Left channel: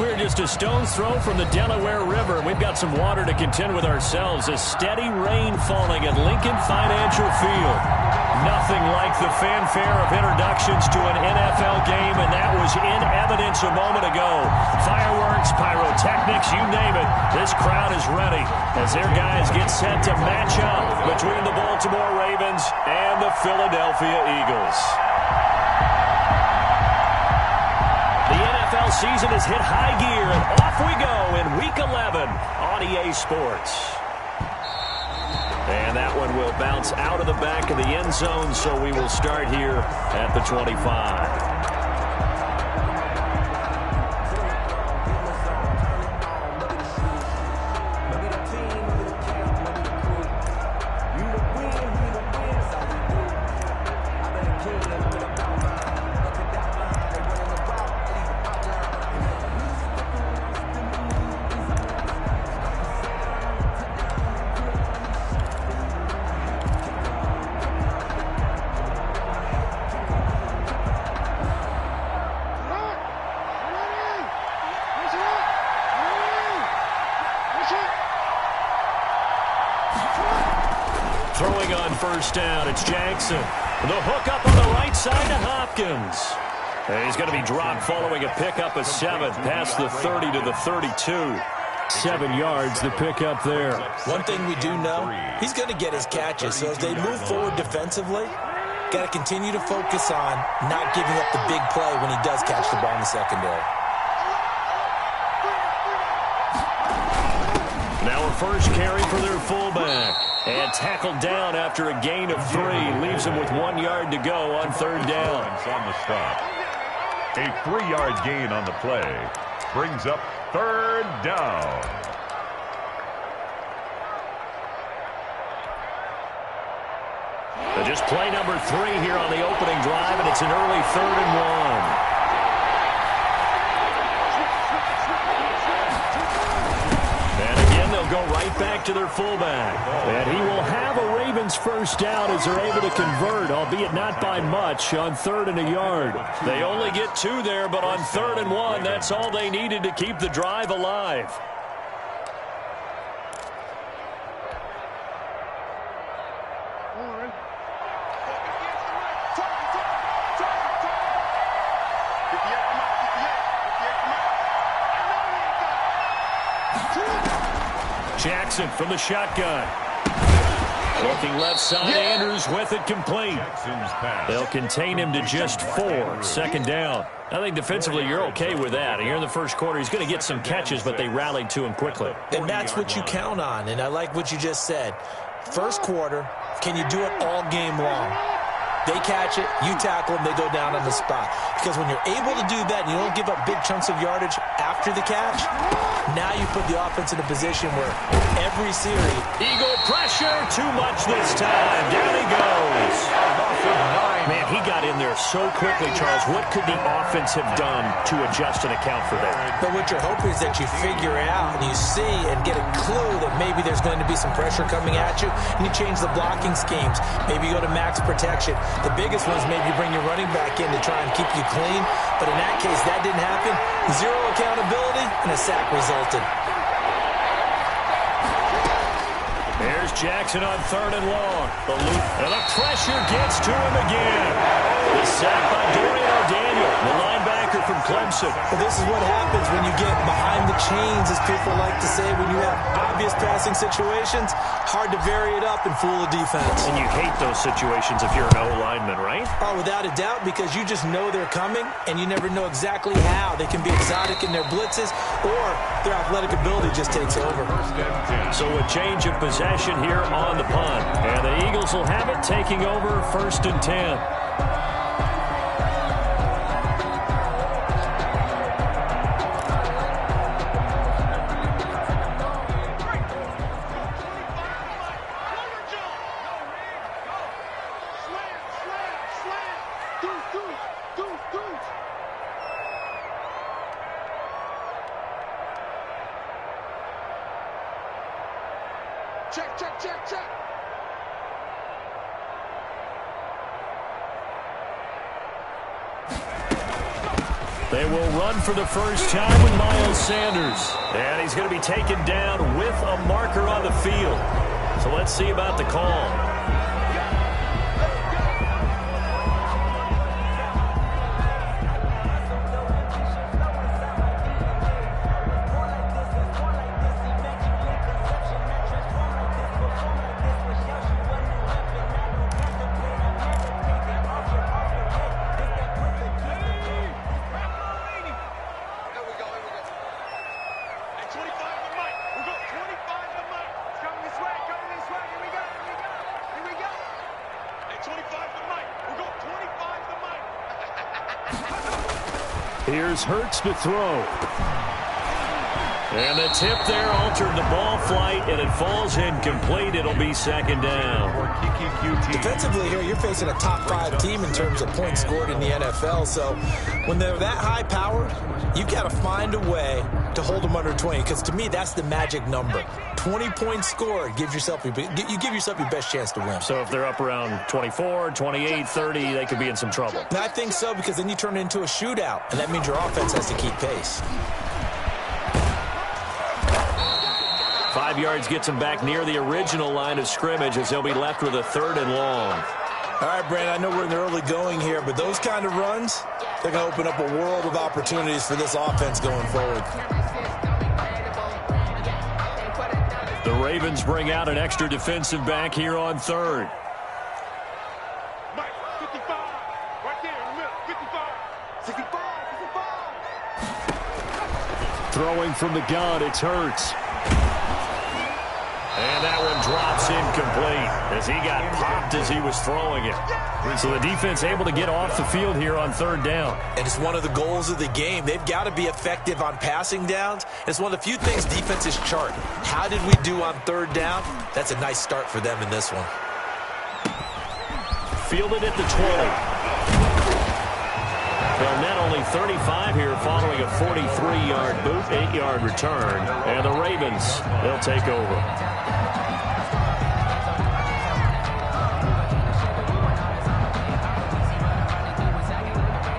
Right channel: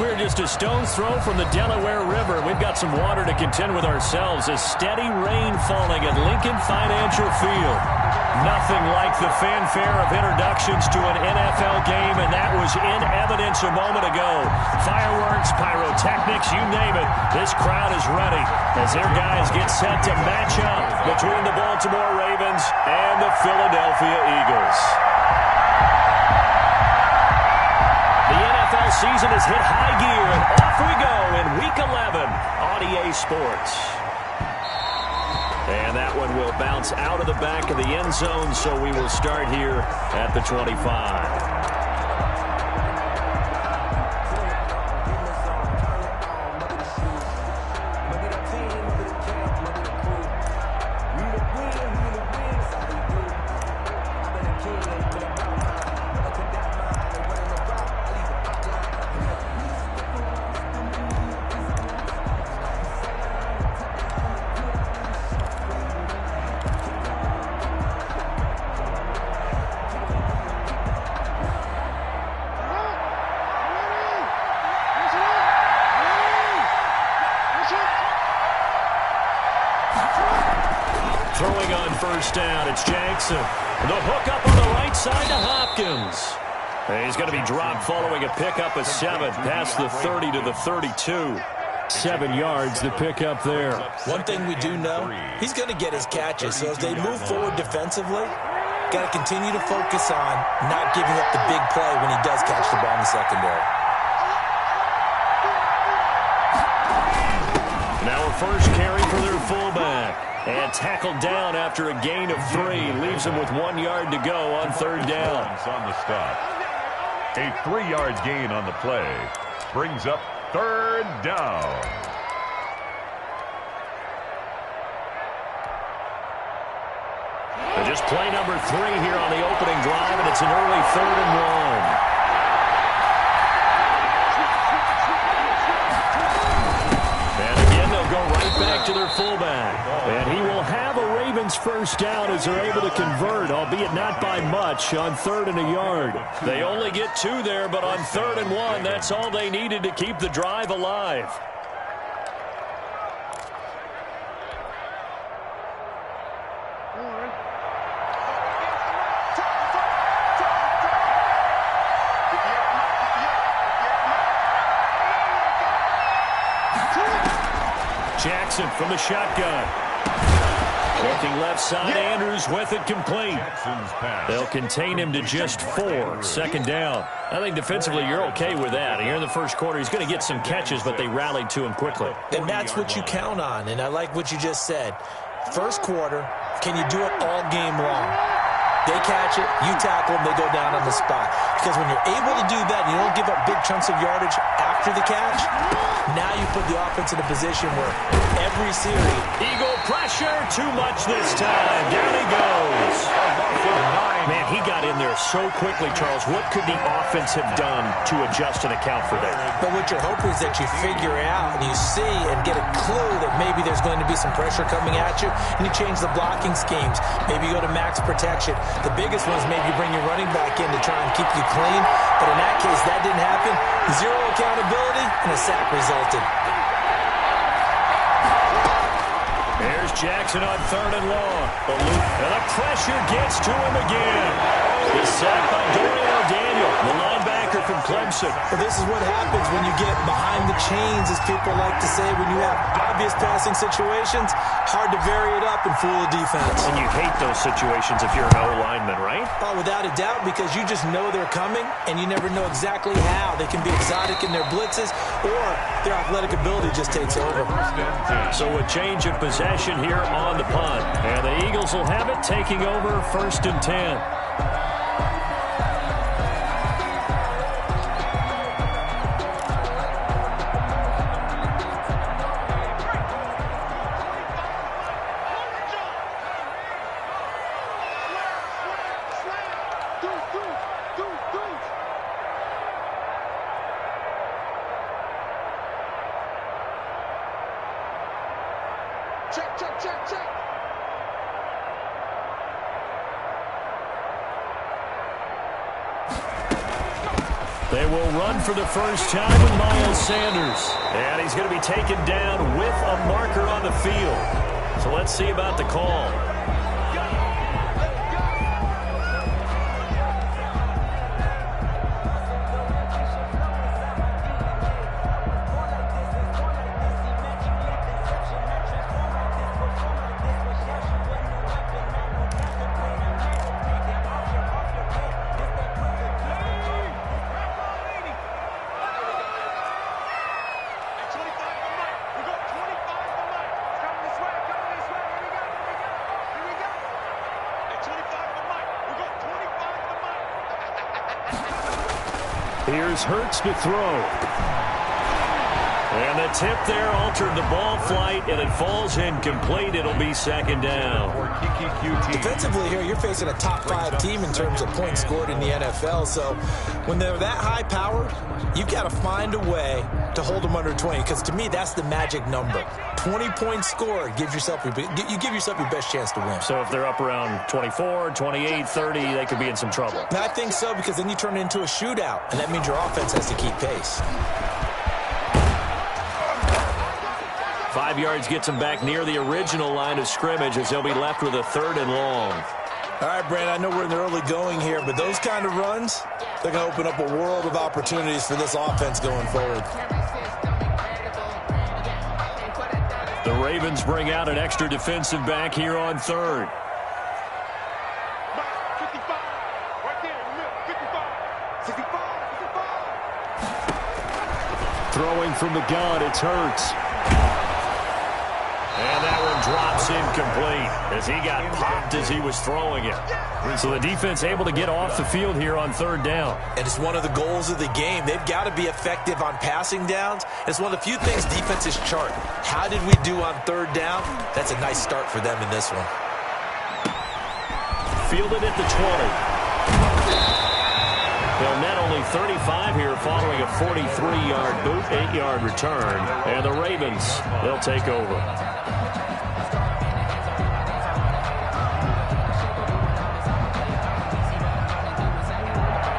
we're just a stone's throw from the Delaware River. We've got some water to contend with ourselves. A steady rain falling at Lincoln Financial Field. Nothing like the fanfare of introductions to an NFL game, and that was in evidence a moment ago. Fireworks, pyrotechnics, you name it. This crowd is ready as their guys get set to match up between the Baltimore Ravens and the Philadelphia Eagles. The NFL season has hit high gear, and off we go in Week 11 on EA Sports. And that one will bounce out of the back of the end zone, so we will start here at the 25. Throwing on first down, it's Jackson. The hook up on the right side to Hopkins. And he's going to be dropped following a pickup of 7 past the 30 to the 32. 7 yards, the pickup there. One thing we do know, he's going to get his catches. So as they move forward defensively, got to continue to focus on not giving up the big play when he does catch the ball in the secondary. Now a first carry for their fullback. And tackled down after a gain of 3. Leaves him with 1 yard to go on third down. On the stop. A 3-yard gain on the play. Brings up third down. And just play number 3 here on the opening drive, and it's an early 3rd and 1. Go right back to their fullback. And he will have a Ravens first down as they're able to convert, albeit not by much, on 3rd and a yard. They only get 2 there, but on 3rd and 1, that's all they needed to keep the drive alive. Jackson from the shotgun. Looking left side, Andrews with it complete. They'll contain him to just 4. Second down. I think defensively you're okay with that. Here in the first quarter, he's going to get some catches, but they rallied to him quickly. And that's what you count on, and I like what you just said. First quarter, can you do it all game long? They catch it, you tackle them, they go down on the spot. Because when you're able to do that and you don't give up big chunks of yardage after the catch, now you put the offense in a position where every series... Eagle pressure, too much this time. Down he goes. Man, he got in there so quickly, Charles. What could the offense have done to adjust and account for that? But what you're hoping is that you figure out and you see and get a clue that maybe there's going to be some pressure coming at you, and you change the blocking schemes. Maybe you go to max protection. The biggest one is maybe you bring your running back in to try and keep you clean. But in that case, that didn't happen. 0 accountability, and a sack resulted. There's Jackson on 3rd and long. And the pressure gets to him again. The sack by Dorian O'Daniel, the linebacker from Clemson. Well, this is what happens when you get behind the chains, as people like to say. When you have obvious passing situations, hard to vary it up and fool a defense. And you hate those situations if you're an O-lineman, right? Oh, without a doubt, because you just know they're coming, and you never know exactly how. They can be exotic in their blitzes, or their athletic ability just takes over. So a change of possession here on the punt. And the Eagles will have it, taking over 1st and 10. Check. They will run for the first time with Miles Sanders. And he's going to be taken down with a marker on the field. So let's see about the call. Here's Hurts to throw. And the tip there altered the ball flight, and it falls incomplete. It'll be second down. Defensively here, you're facing a top 5 team in terms of points scored in the NFL. So when they're that high powered, you've got to find a way to hold them under 20. Because to me, that's the magic number. 20 points scored gives yourself you give yourself your best chance to win. So if they're up around 24, 28, 30, they could be in some trouble. And I think so, because then you turn it into a shootout, and that means your offense has to keep pace. 5 yards gets them back near the original line of scrimmage as they'll be left with a 3rd and long. All right, Brandon, I know we're in the early going here, but those kind of runs, they're going to open up a world of opportunities for this offense going forward. The Ravens bring out an extra defensive back here on 3rd. Mike, 55, right there in the middle, 55, 65, 65. Throwing from the gun, it's Hurts. And that one drops incomplete as he got popped as he was throwing it. So the defense able to get off the field here on 3rd down. And it's one of the goals of the game. They've got to be effective on passing downs. It's one of the few things defenses chart. How did we do on 3rd down? That's a nice start for them in this one. Fielded at the 20. They'll net only 35 here following a 43-yard boot, 8-yard return. And the Ravens, they'll take over.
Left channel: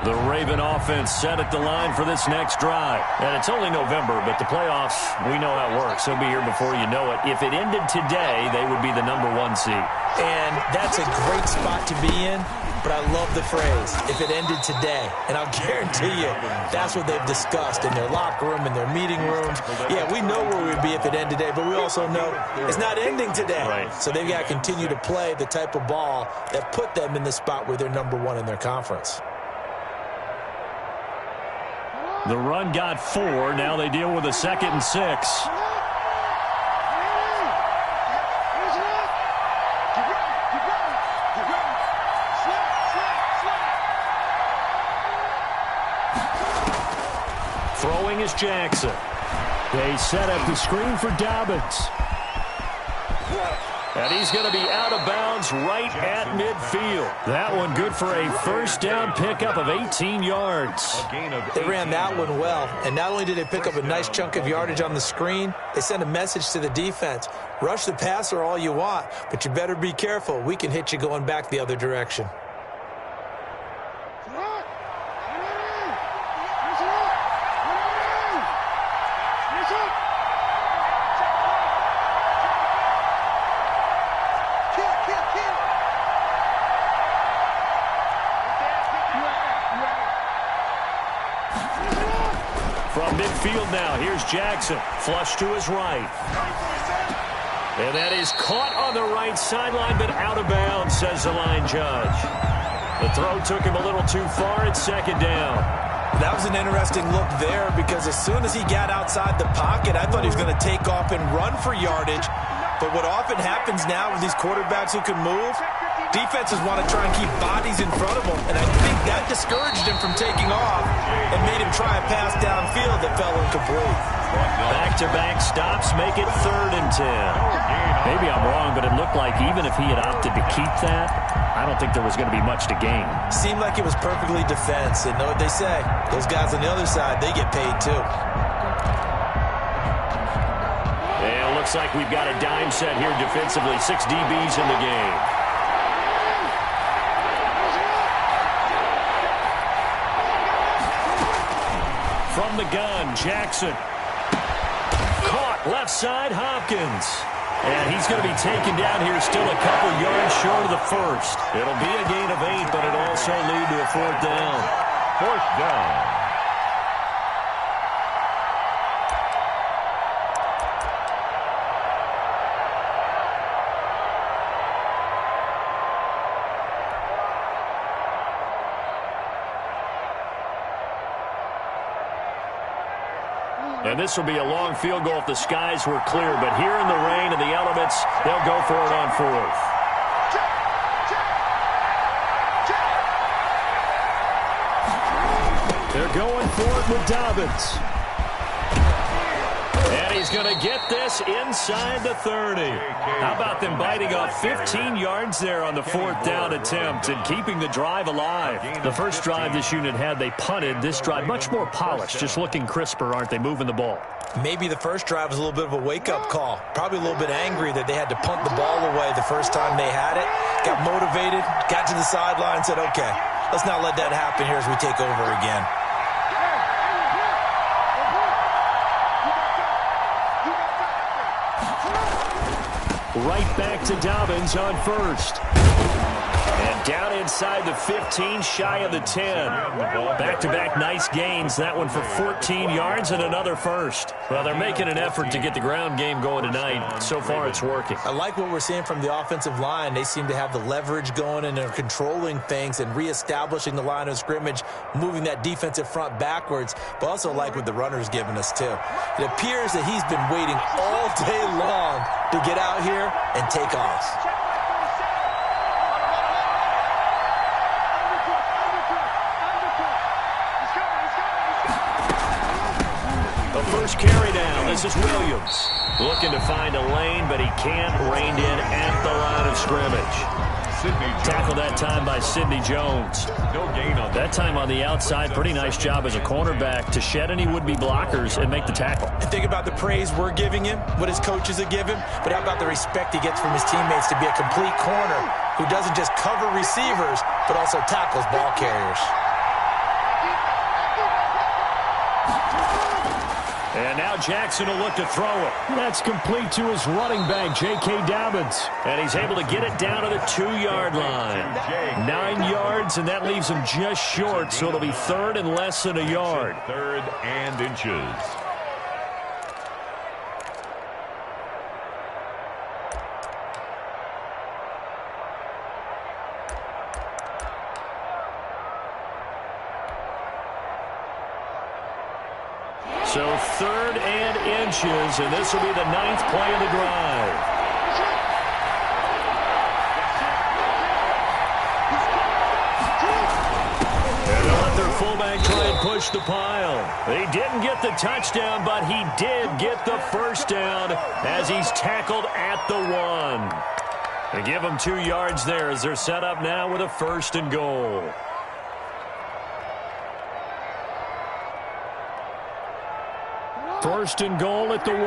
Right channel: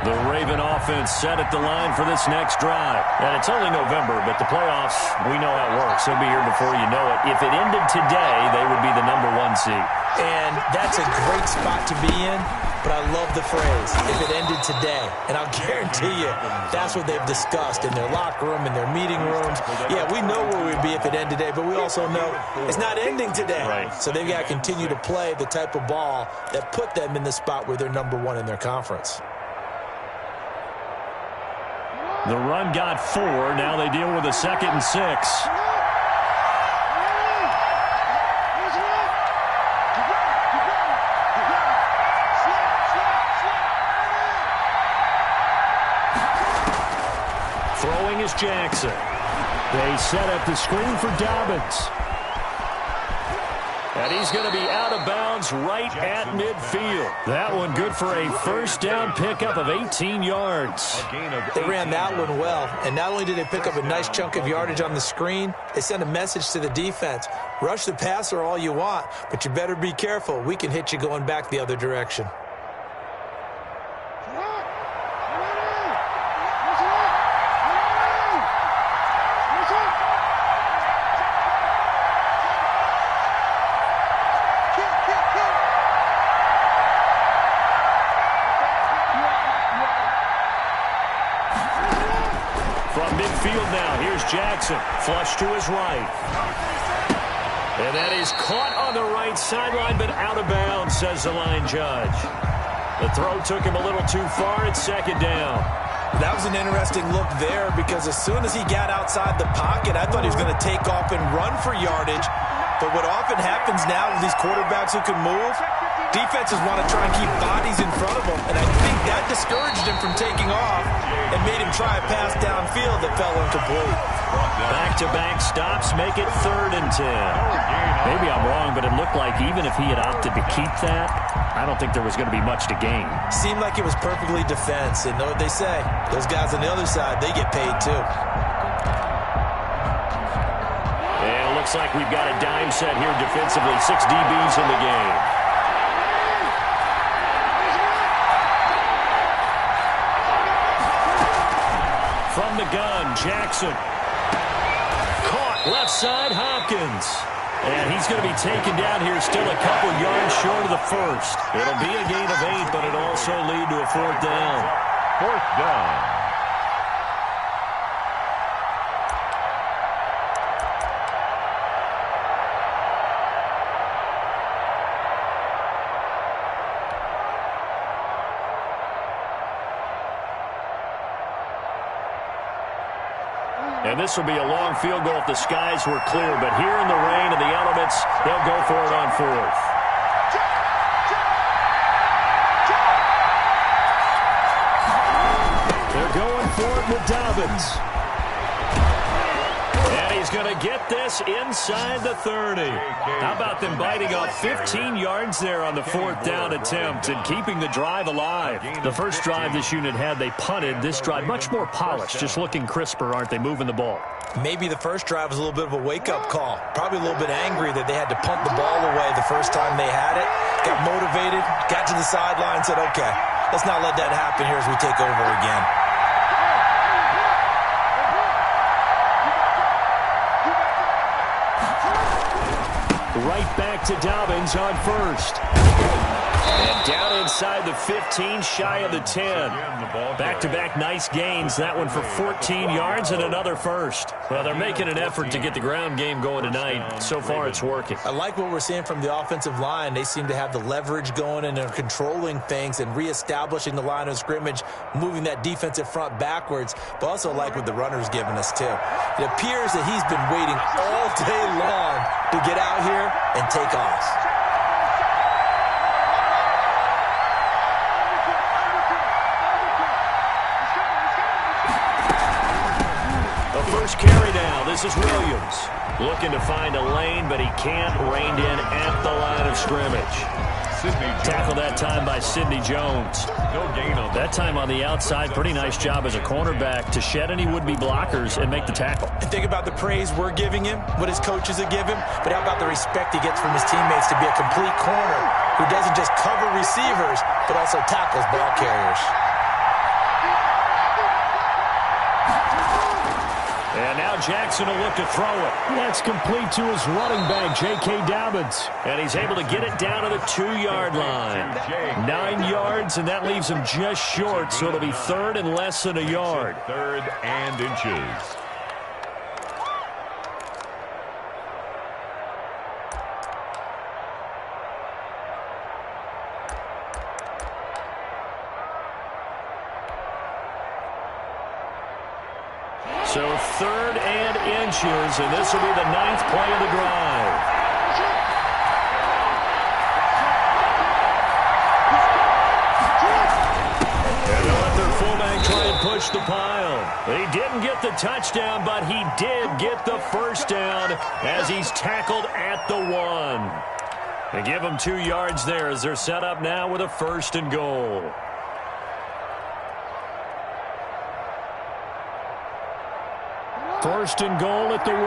The Raven offense set at the line for this next drive. And it's only November, but the playoffs, we know how it works. They'll be here before you know it. If it ended today, they would be the #1 seed. And that's a great spot to be in, but I love the phrase, if it ended today. And I'll guarantee you, that's what they've discussed in their locker room, in their meeting rooms. Yeah, we know where we'd be if it ended today, but we also know it's not ending today. Right. So they've got to continue to play the type of ball that put them in the spot where they're #1 in their conference. The run got 4. Now they deal with a 2nd and 6. Throwing is Jackson. They set up the screen for Dobbins. And he's going to be out of bounds right at midfield. That one good for a 1st down pickup of 18 yards. They ran that one well, and not only did they pick up a nice chunk of yardage on the screen, they sent a message to the defense. Rush the passer all you want, but you better be careful. We can hit you going back the other direction. From midfield now, here's Jackson. Flush to his right. And that is caught on the right sideline, but out of bounds, says the line judge. The throw took him a little too far. It's 2nd down. That was an interesting look there, because as soon as he got outside the pocket, I thought he was going to take off and run for yardage. But what often happens now with these quarterbacks who can move, defenses want to try and keep bodies in front of them, and I think that discouraged him from taking off and made him try a pass downfield that fell incomplete. Back-to-back stops make it 3rd and 10. Maybe I'm wrong, but it looked like even if he had opted to keep that, I don't think there was going to be much to gain. Seemed like it was perfectly defense, and know what they say. Those guys on the other side, they get paid too. And it looks like we've got a dime set here defensively. 6 DBs in the game. gun. Jackson. Caught left side, Hopkins. And he's going to be taken down here, still a couple yards short of the first. It'll be a gain of 8, but it'll also lead to a 4th down. 4th down. And this will be a long field goal if the skies were clear. But here in the rain and the elements, they'll go for it on 4th. They're going for it with Dobbins. And he's going to get this inside the 30. How about them biting off 15 yards there on the 4th down attempt and keeping the drive alive? The first drive this unit had, they punted. This drive much more polished, just looking crisper, aren't they, moving the ball? Maybe the first drive was a little bit of a wake-up call. Probably a little bit angry that they had to punt the ball away the first time they had it. Got motivated, got to the sideline, said, okay, let's not let that happen here as we take over again. Right back to Dobbins on 1st. And down inside the 15, shy of the 10. Back-to-back nice gains. That one for 14 yards and another first. Well, they're making an effort to get the ground game going tonight. So far, it's working. I like what we're seeing from the offensive line. They seem to have the leverage going and they're controlling things and reestablishing the line of scrimmage, moving that defensive front backwards, but also like what the runner's giving us, too. It appears that he's been waiting all day long to get out here and take off. First carry down. This is Williams. Looking to find a lane, but he can't. Reined in at the line of scrimmage. Tackle that time by Sidney Jones. No gain on that time on the outside. Pretty nice job as a cornerback to shed any would-be blockers and make the tackle. And think about the praise we're giving him, what his coaches are giving, but how about the respect he gets from his teammates to be a complete corner who doesn't just cover receivers, but also tackles ball carriers. And now Jackson will look to throw it. That's complete to his running back, J.K. Dobbins. And he's able to get it down to the 2-yard line. 9 yards, and that leaves him just short, so it'll be 3rd and less than a yard. 3rd and inches. So 3rd and inches, and this will be the 9th play of the drive. And they'll let their fullback try and push the pile. He didn't get the touchdown, but he did get the first down as he's tackled at the 1. They give him 2 yards there as they're set up now with a 1st and goal. 1st and goal at the 1.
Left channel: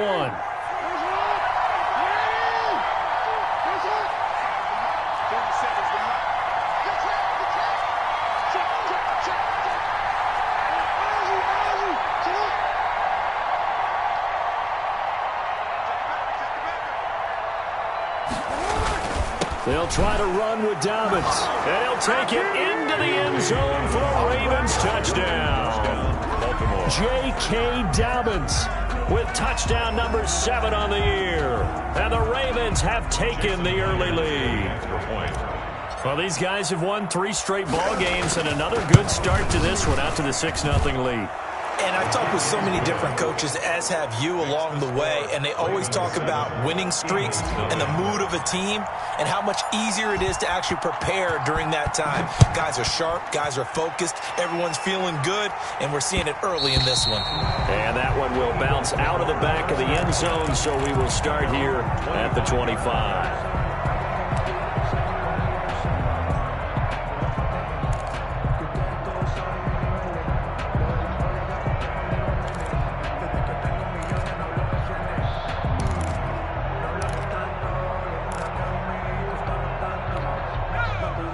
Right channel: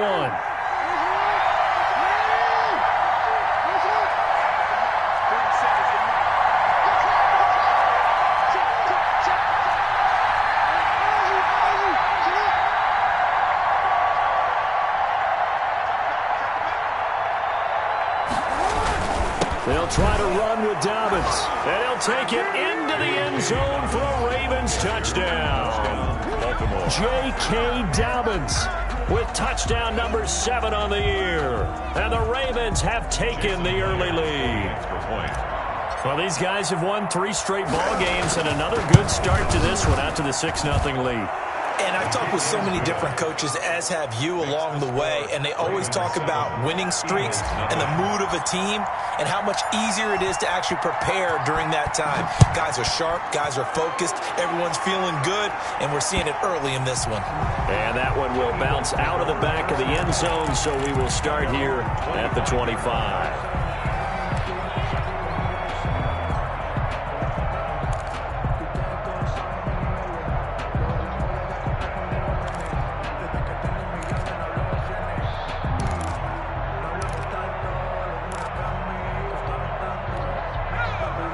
They'll try to run with Dobbins, and he'll take it into the end zone for a Ravens touchdown. J.K. Dobbins with touchdown number 7 on the year. And the Ravens have taken the early lead. Well, these guys have won 3 straight ball games and another good start to this one out to the 6-0 lead. And I've talked with so many different coaches, as have you, along the way, and they always talk about winning streaks and the mood of a team and how much easier it is to actually prepare during that time. Guys are sharp, guys are focused, everyone's feeling good, and we're seeing it early in this one. And that one will bounce out of the back of the end zone, so we will start here at the 25.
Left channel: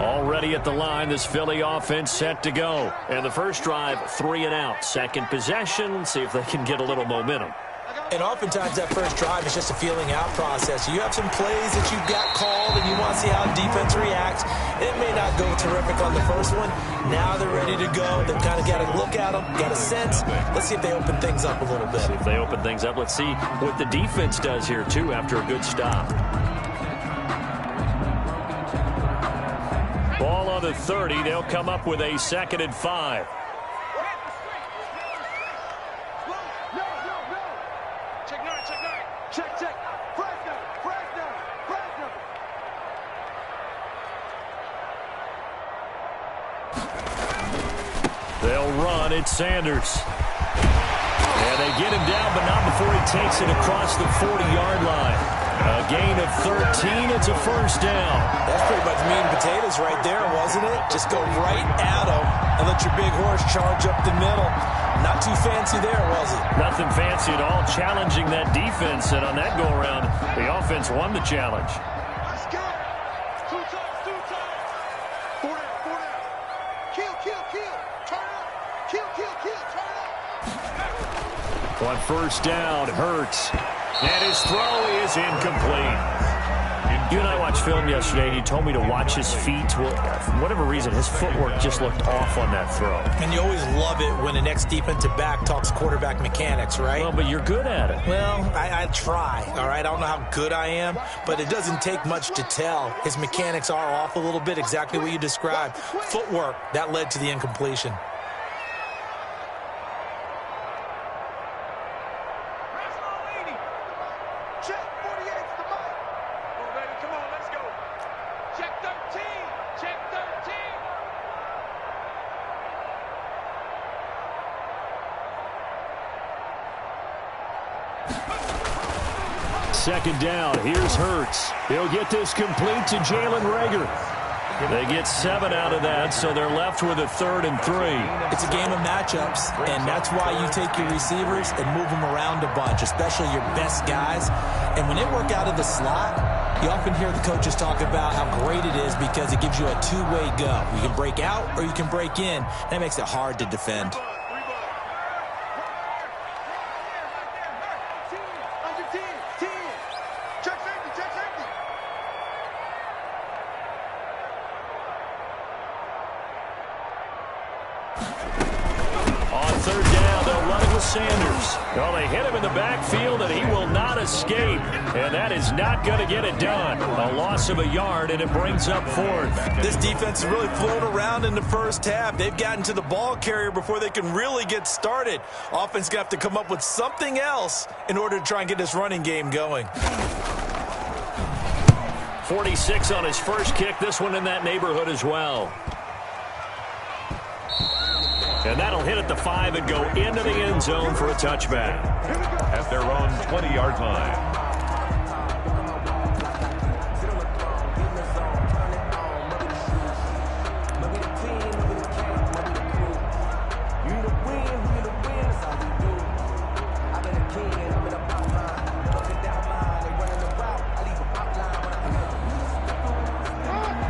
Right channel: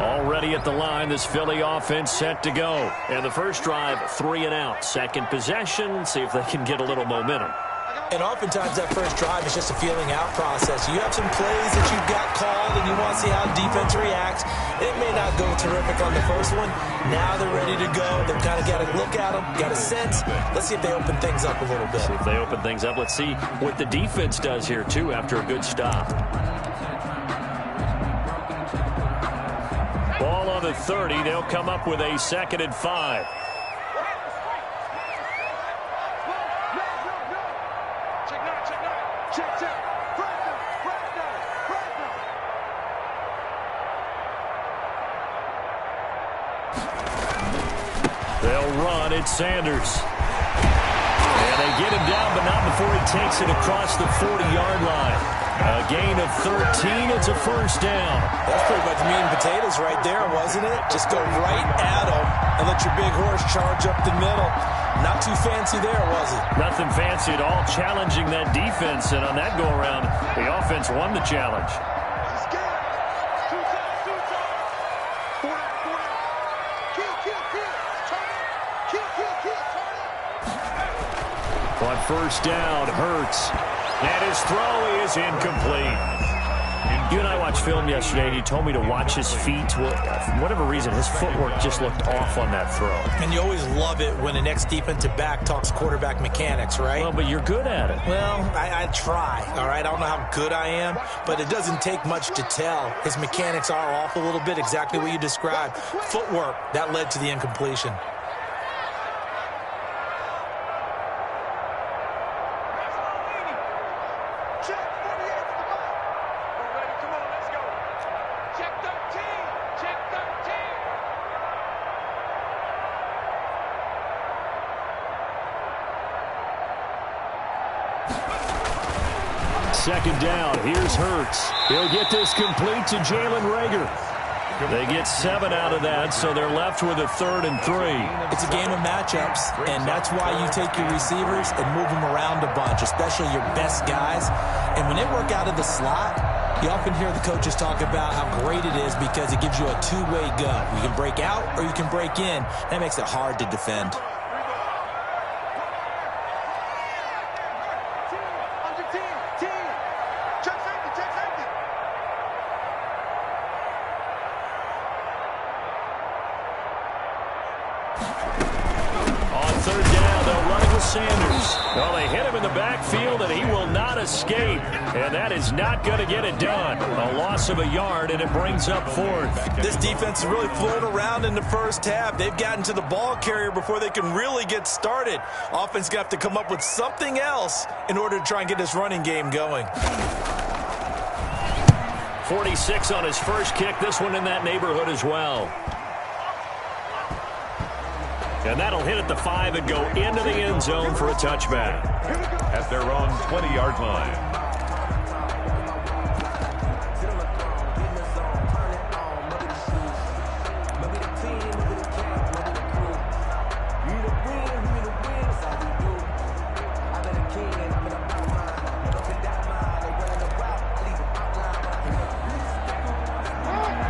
Already at the line, this Philly offense set to go. And the first drive, 3 and out. Second possession, see if they can get a little momentum. And oftentimes that first drive is just a feeling out process. You have some plays that you've got called and you want to see how the defense reacts. It may not go terrific on the first one. Now they're ready to go. They've kind of got to look at them, got a sense. Let's see if they open things up a little bit. See if they open things up. Let's see what the defense does here, too, after a good stop. Ball on the 30. They'll come up with a 2nd and 5. They'll run. It's Sanders. And they get him down, but not before he takes it across the 40-yard line. A gain of 13. It's a first down. That's pretty much meat and potatoes right there, wasn't it? Just go right at him and let your big horse charge up the middle. Not too fancy there, was it? Nothing fancy at all. Challenging that defense, and on that go-around, the offense won the challenge. On first down, Hurts. And his throw is incomplete. You and I watched film yesterday, and you told me to watch his feet. Well, for whatever reason, his footwork just looked off on that throw. And you always love it when the next defensive back talks quarterback mechanics, right? Well, but you're good at it. Well, I try, all right? I don't know how good I am, but it doesn't take much to tell. His mechanics are off a little bit, exactly what you described. Footwork, that led to the incompletion. Second down, here's Hurts. He'll get this complete to Jalen Reagor. They get 7 out of that, so they're left with a 3rd and 3. It's a game of matchups, and that's why you take your receivers and move them around a bunch, especially your best guys. And when they work out of the slot, you often hear the coaches talk about how great it is because it gives you a two-way go. You can break out or you can break in. That makes it hard to defend. Sanders. Well, they hit him in the backfield, and he will not escape. And that is not going to get it done. A loss of a yard, and it brings up 4th. This defense is really flown around in the first half. They've gotten to the ball carrier before they can really get started. Offense going to have to come up with something else in order to try and get this running game going. 46 on his first kick. This one in that neighborhood as well. And that'll hit at the 5 and go into the end zone for a touchback. At their own 20-yard line.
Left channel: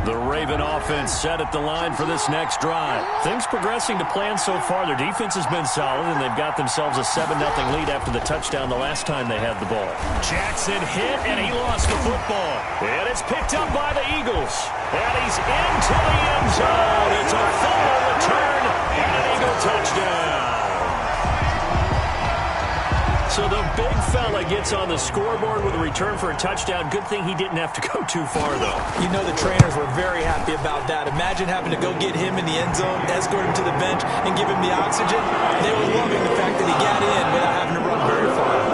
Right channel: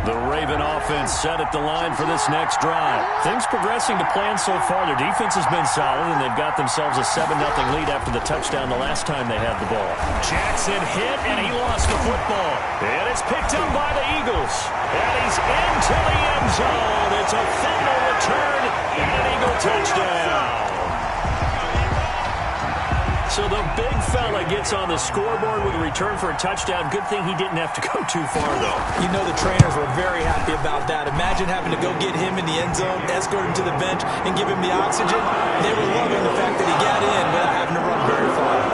The Raven offense set at the line for this next drive. Things progressing to plan so far. Their defense has been solid, and they've got themselves a 7-0 lead after the touchdown the last time they had the ball. Jackson hit, and he lost the football. And it's picked up by the Eagles. And he's into the end zone. It's a fumble return and an Eagle touchdown. So the big fella gets on the scoreboard with a return for a touchdown. Good thing he didn't have to go too far, though. You know the trainers were very happy about that. Imagine having to go get him in the end zone, escort him to the bench, and give him the oxygen. They were loving the fact that he got in without having to run very far.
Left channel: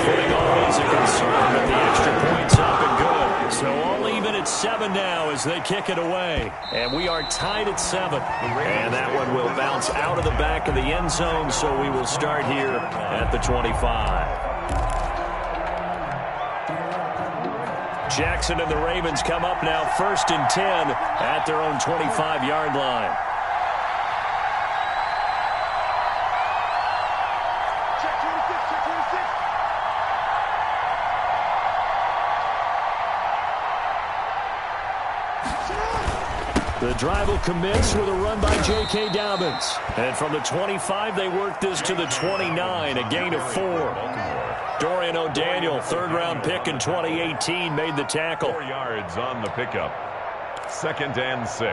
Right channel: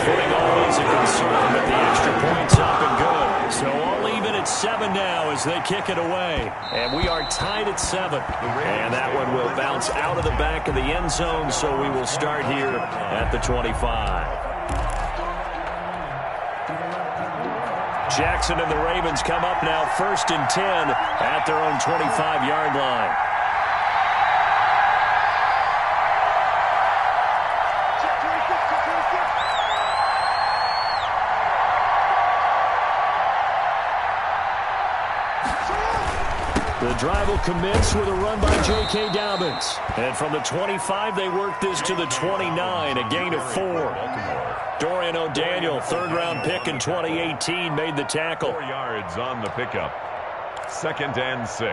Footing always a concern, but the extra point's up and good. So all even at 7 now as they kick it away. And we are tied at 7. And that one will bounce out of the back of the end zone, so we will start here at the 25. Jackson and the Ravens come up now 1st and 10 at their own 25-yard line. The drive will commence with a run by J.K. Dobbins. And from the 25, they work this to the 29, a gain of 4. Dorian O'Daniel, third-round pick in 2018, made the tackle. 4 yards on the pickup. 2nd and 6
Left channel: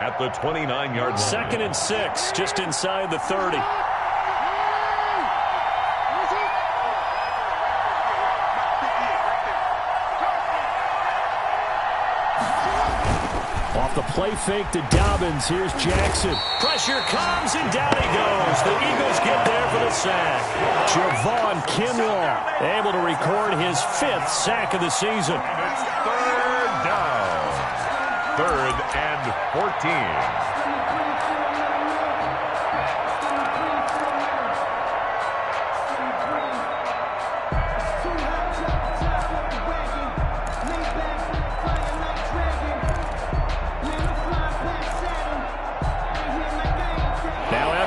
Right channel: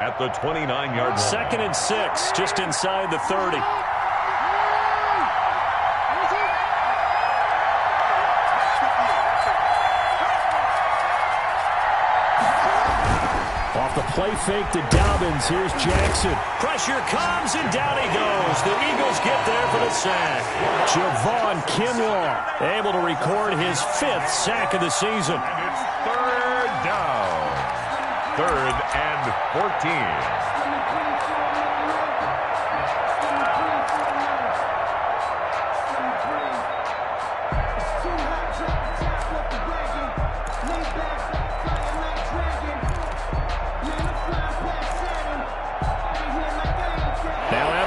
at the 29-yard line. 2nd and 6, just inside the 30. Off the play fake to Dobbins. Here's Jackson. Pressure comes, and down he goes. The Eagles get there for the sack. Javon Kinlaw able to record his 5th sack of the season. And it's 3rd down. 3rd and 14.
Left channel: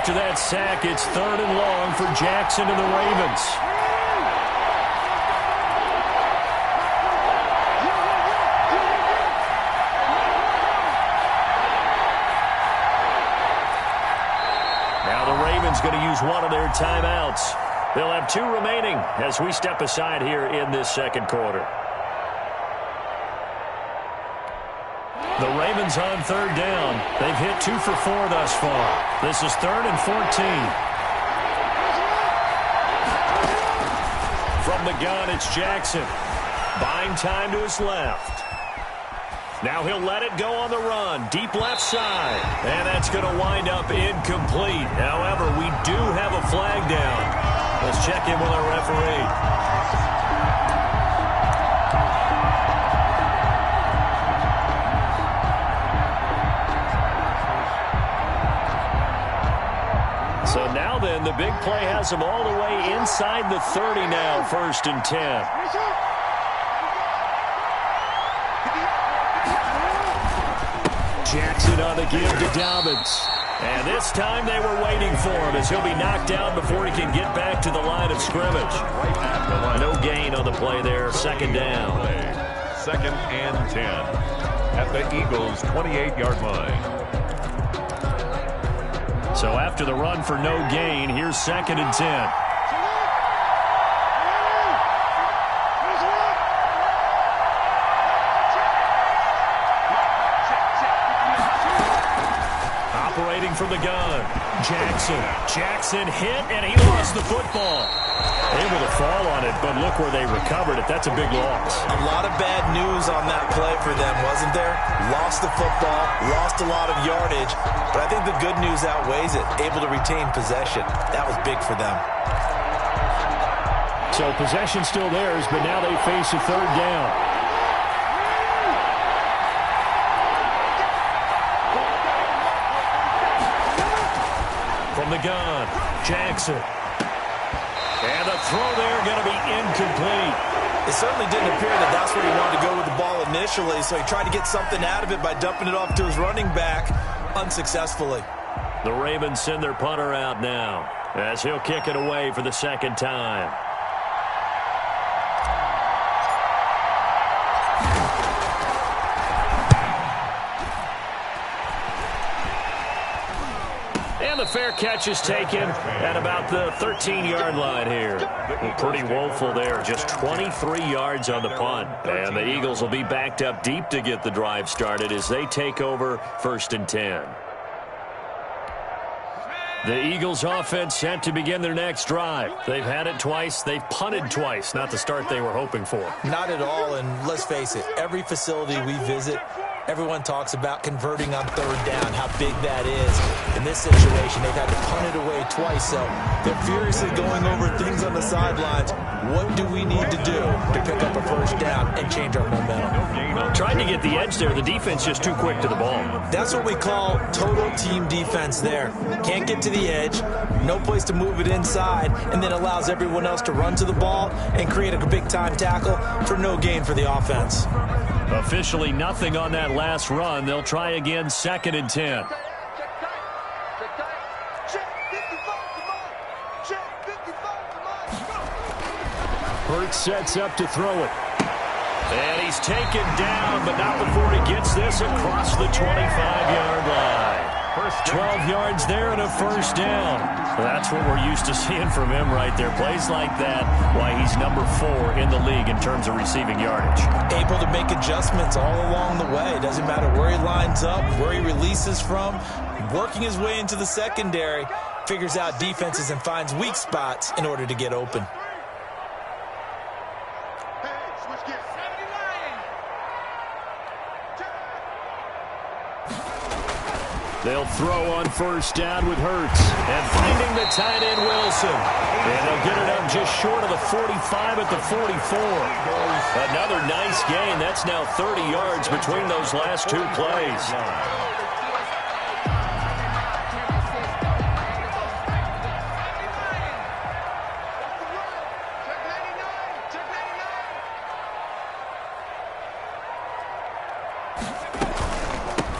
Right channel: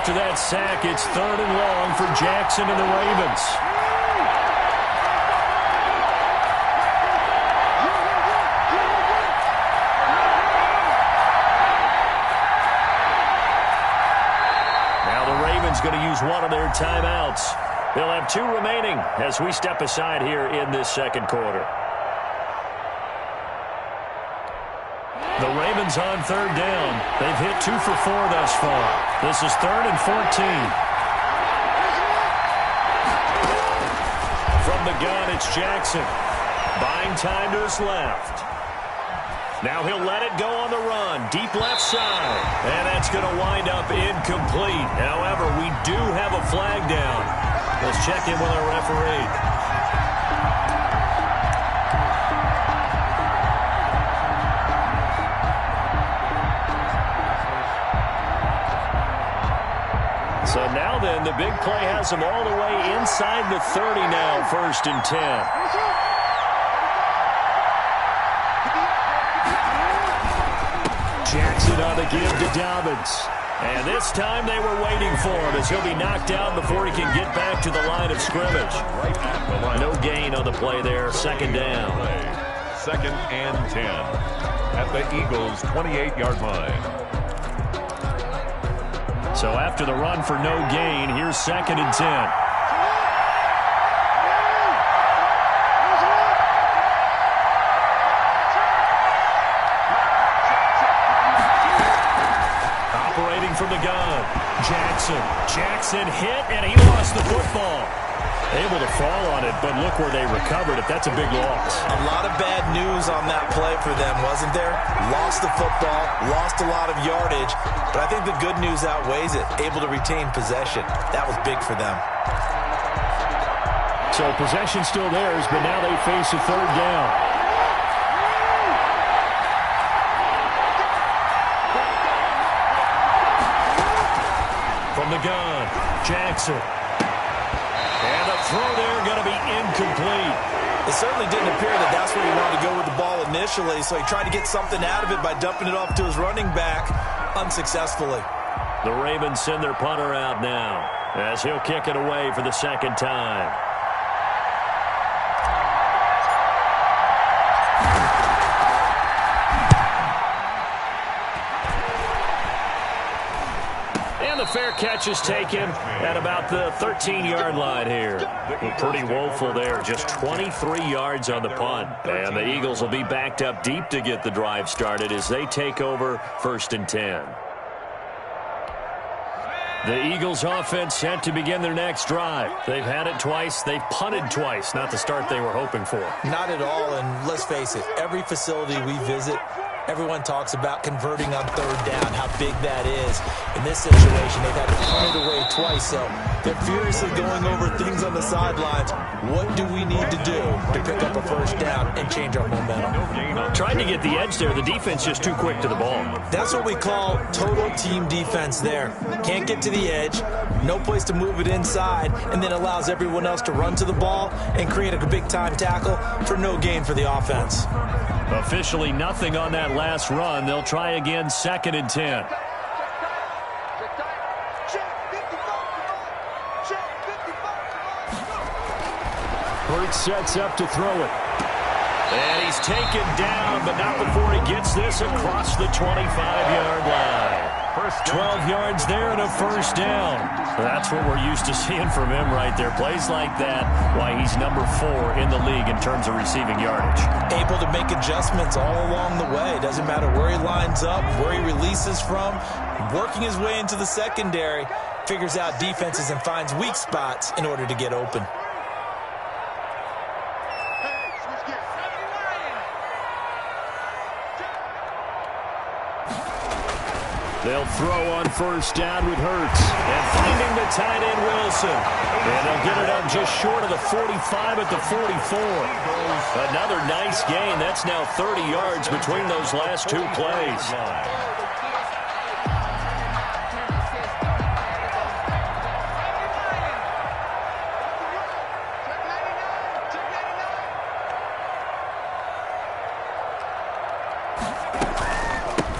After that sack, it's 3rd and long for Jackson and the Ravens. Now the Ravens going to use one of their timeouts. They'll have 2 remaining as we step aside here in this 2nd quarter. The Ravens on 3rd down. They've hit 2 for 4 thus far. This is 3rd and 14. From the gun, it's Jackson. Buying time to his left. Now he'll let it go on the run. Deep left side. And that's going to wind up incomplete. However, we do have a flag down. Let's check in with our referee. So now then, the big play has them all the way inside the 30 now, 1st and 10. Jackson on the give to Dobbins. And this time they were waiting for him as he'll be knocked down before he can get back to the line of scrimmage. Right at the line. No gain on the play there, 2nd down. 2nd and 10 at the Eagles' 28-yard line. So after the run for no gain, here's 2nd and 10. Operating from the gun, Jackson hit, and he lost the football. Able to fall on it, but look where they recovered it. That's a big loss. A lot of bad news on that play for them, wasn't there? Lost the football, lost a lot of yardage, but I think the good news outweighs it. Able to retain possession. That was big for them. So possession still theirs, but now they face a 3rd down. From the gun, Jackson. And the throw there going to be incomplete. It certainly didn't appear that that's where he wanted to go with the ball initially, so he tried to get something out of it by dumping it off to his running back unsuccessfully. The Ravens send their punter out now as he'll kick it away for the 2nd time. And the fair catch is taken at about the 13-yard line here. Pretty woeful there. Just 23 yards on the punt. And the Eagles will be backed up deep to get the drive started as they take over 1st and 10. The Eagles offense set to begin their next drive. They've had it twice. They've punted twice. Not the start they were hoping for. Not at all, and let's face it, every facility we visit, everyone talks about converting on 3rd down, how big that is. In this situation, they've had to punt it away twice, so they're furiously going over things on the sidelines. What do we need to do to pick up a 1st down and change our momentum? Trying to get the edge there. The defense just too quick to the ball. That's what we call total team defense there. Can't get to the edge, no place to move it inside, and then allows everyone else to run to the ball and create a big-time tackle for no gain for the offense. Officially nothing on that last run. They'll try again, 2nd and 10. Hurts sets up to throw it. And he's taken down, but not before he gets this across the 25-yard line. 12 yards there and a first down. That's what we're used to seeing from him right there. Plays like that, why he's number 4 in the league in terms of receiving yardage. Able to make adjustments all along the way. Doesn't matter where he lines up, where he releases from. Working his way into the secondary, figures out defenses and finds weak spots in order to get open. They'll throw on first down with Hurts. And finding the tight end, Wilson. And they'll get it up just short of the 45 at the 44. Another nice gain. That's now 30 yards between those last two plays.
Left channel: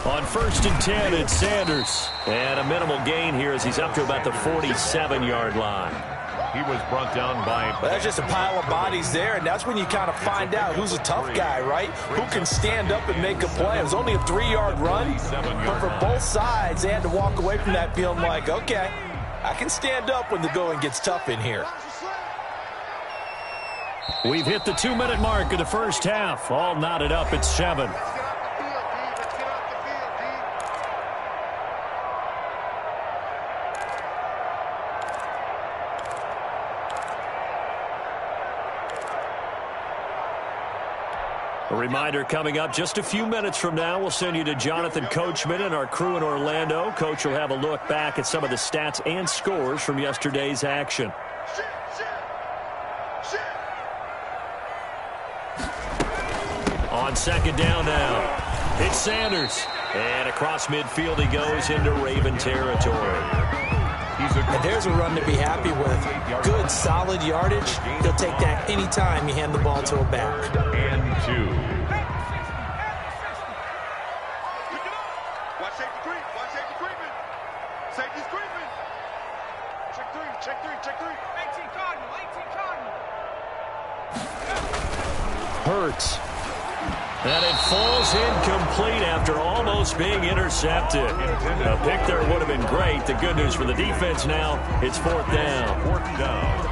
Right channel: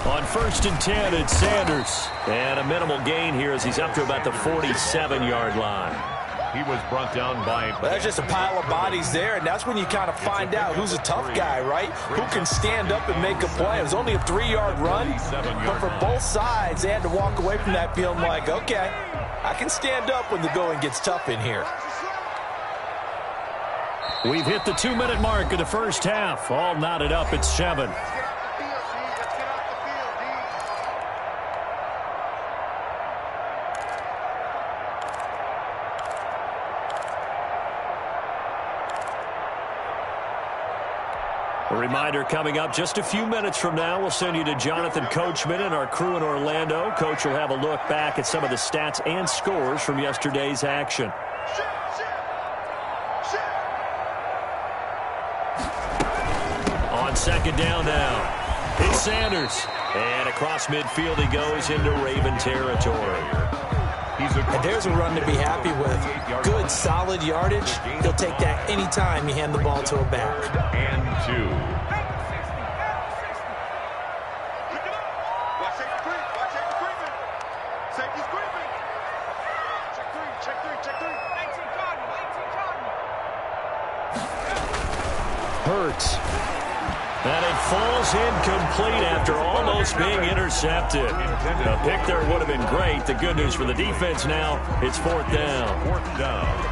On first and 10, it's Sanders. And a minimal gain here as he's up to about the 47-yard line. He was brought down by... Well, there's just a pile of bodies there, and that's when you kind of find out who's a tough guy, right? Who can stand up and make a play. It was only a 3-yard run, but for both sides, they had to walk away from that feeling like, okay, I can stand up when the going gets tough in here. We've hit the 2-minute mark of the first half. All knotted up at 7. A reminder coming up just a few minutes from now, we'll send you to Jonathan Coachman and our crew in Orlando. Coach will have a look back at some of the stats and scores from yesterday's action. On second down now, it's Sanders. And across midfield he goes into Raven territory. And there's a run to be happy with. Good, solid yardage. He'll take that anytime you hand the ball to a back. And 2. Watch safety creep. Watch safety creeping. Safety's creeping. Check 3. Check 3. Check 3. 18 Cardinal. 18 Cardinal. Hurts. And it falls incomplete after almost being intercepted. A pick there would have been great. The good news for the defense now, it's 4th down. 4th down.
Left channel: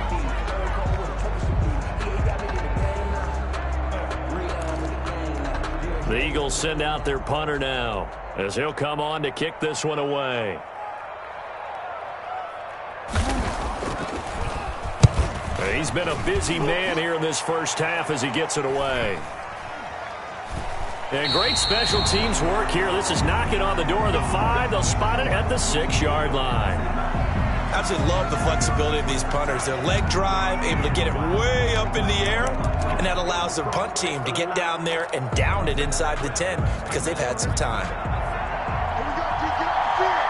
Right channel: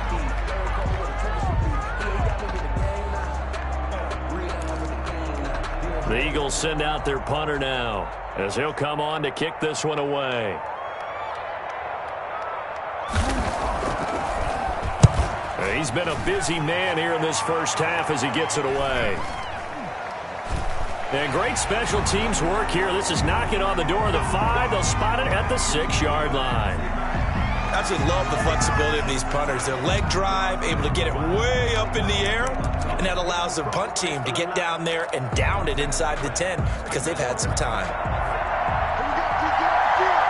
The Eagles send out their punter now as he'll come on to kick this one away. He's been a busy man here in this first half as he gets it away. And great special teams work here. This is knocking on the door of the 5. They'll spot it at the 6-yard line. Absolutely love the flexibility of these punters. Their leg drive, able to get it way up in the air, and that allows the punt team to get down there and down it inside the 10 because they've had some time. Here we go. Keep getting off the field.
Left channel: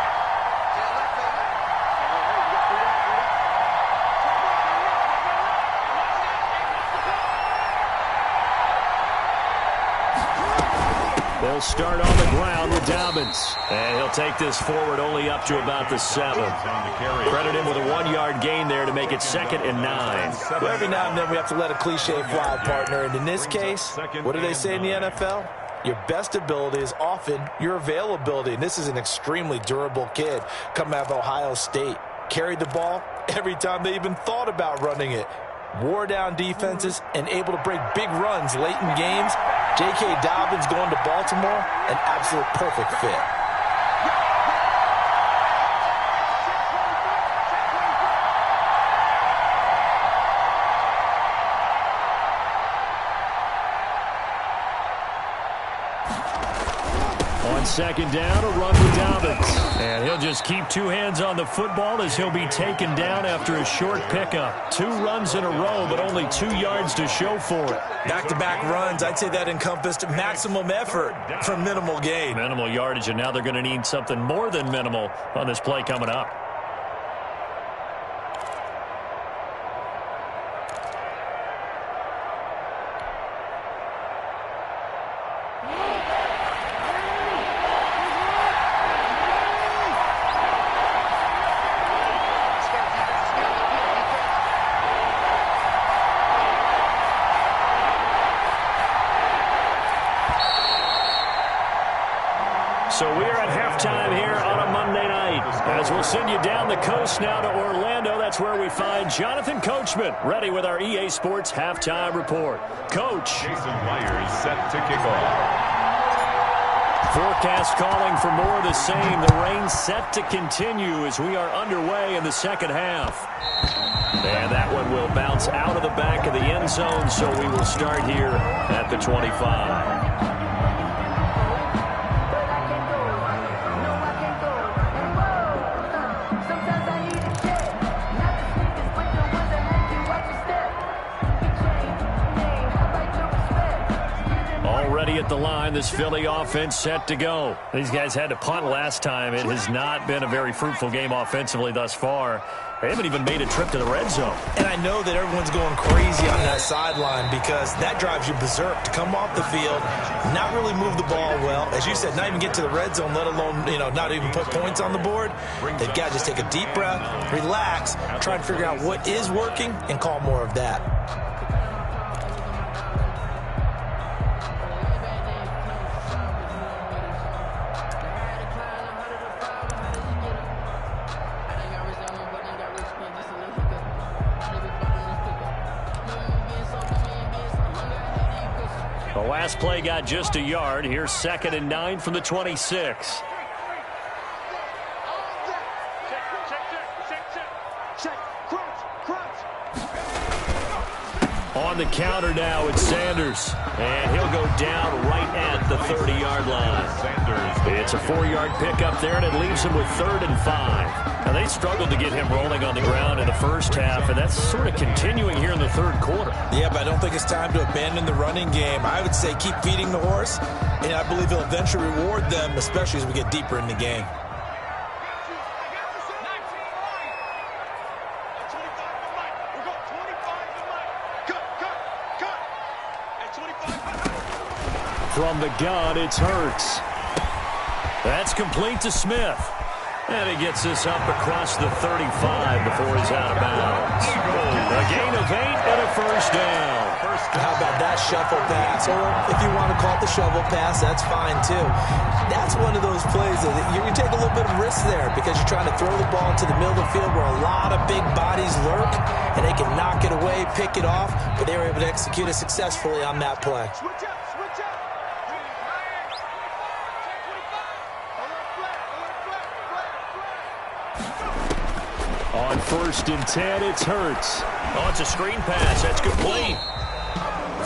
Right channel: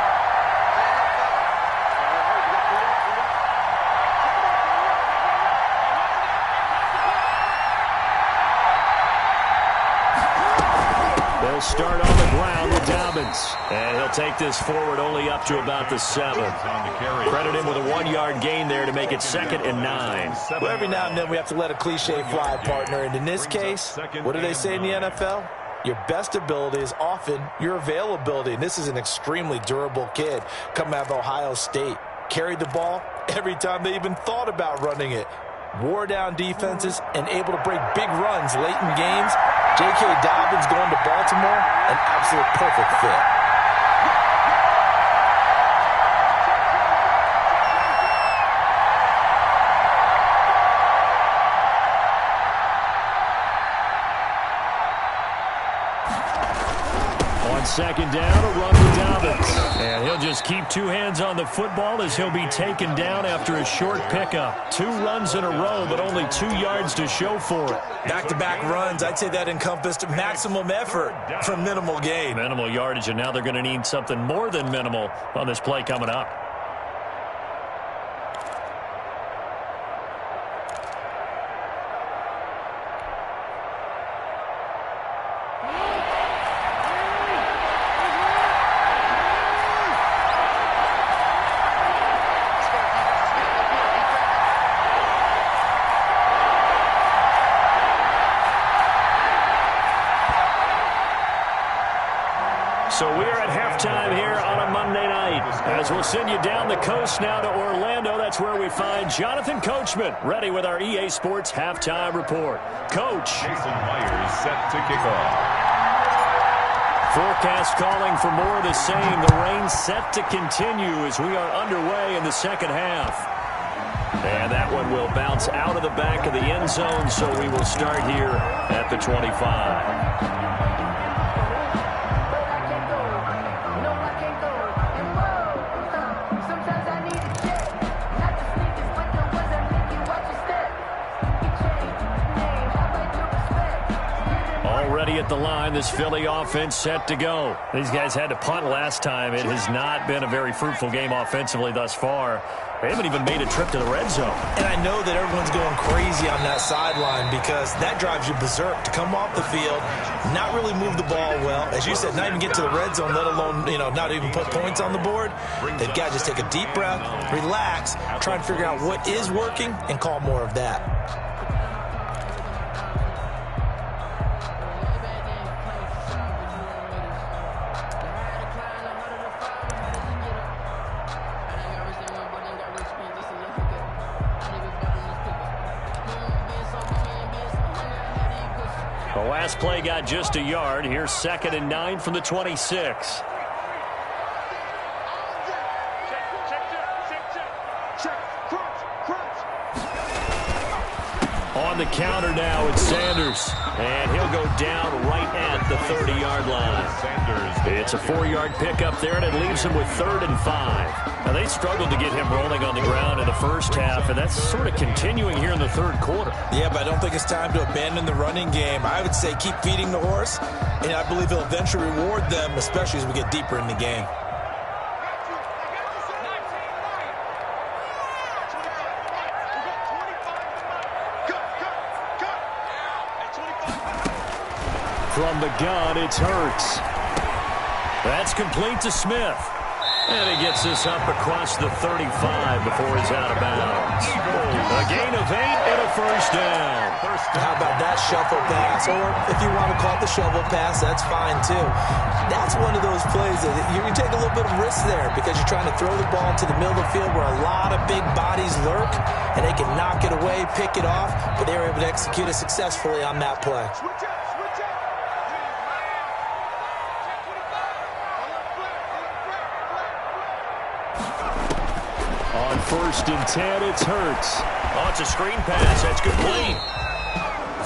They'll start on the ground with Dobbins. And he'll take this forward only up to about the 7. Credit him with a 1-yard gain there to make it 2nd and 9. Well, every now and then we have to let a cliche fly, partner. And in this case, what do they say in the NFL? Your best ability is often your availability. And this is an extremely durable kid coming out of Ohio State. Carried the ball every time they even thought about running it. Wore down defenses and able to break big runs late in games. J.K. Dobbins going to Baltimore, an absolute perfect fit. On second down, a run with Dobbins. And he'll just keep 2 hands on the football as he'll be taken down after a short pickup. 2 runs in a row, but only 2 yards to show for it. Back-to-back runs, I'd say that encompassed maximum effort for minimal gain. Minimal yardage, and now they're going to need something more than minimal on this play coming up. So we are at halftime here on a Monday night. As we'll send you down the coast now to Orlando, that's where we find Jonathan Coachman, ready with our EA Sports halftime report. Coach. Jason Myers set to kick off. Forecast calling for more of the same. The rain set to continue as we are underway in the second half. And that one will bounce out of the back of the end zone, so we will start here at the 25. Already at the line, this Philly offense set to go. These guys had to punt last time. It has not been a very fruitful game offensively thus far. They haven't even made a trip to the red zone. And I know that everyone's going crazy on that sideline because that drives you berserk to come off the field, not really move the ball well. As you said, not even get to the red zone, let alone, not even put points on the board. They've got to just take a deep breath, relax, try and figure out what is working, and call more of that. The last play got just a yard. Here's 2nd and 9 from the 26. On the counter now, it's Sanders. And he'll go down right at the 30-yard line. It's a 4-yard pickup there, and it leaves him with 3rd and 5. Now, they struggled to get him rolling on the ground in the first half, and that's sort of continuing here in the third quarter. Yeah, but I don't think it's time to abandon the running game. I would say keep feeding the horse, and I believe he'll eventually reward them, especially as we get deeper in the game. From the gun, it's Hurts. That's complete to Smith. And he gets this up across the 35 before he's out of bounds. A gain of 8 and a first down. How about that shuffle pass? Or if you want to call it the shovel pass, that's fine too. That's one of those plays that you take a little bit of risk there because you're trying to throw the ball into the middle of the field where a lot of big bodies lurk, and they can knock it away, pick it off, but they were able to execute it successfully on that play. On 1st and 10, it's Hurts. Oh, it's a screen pass. That's complete.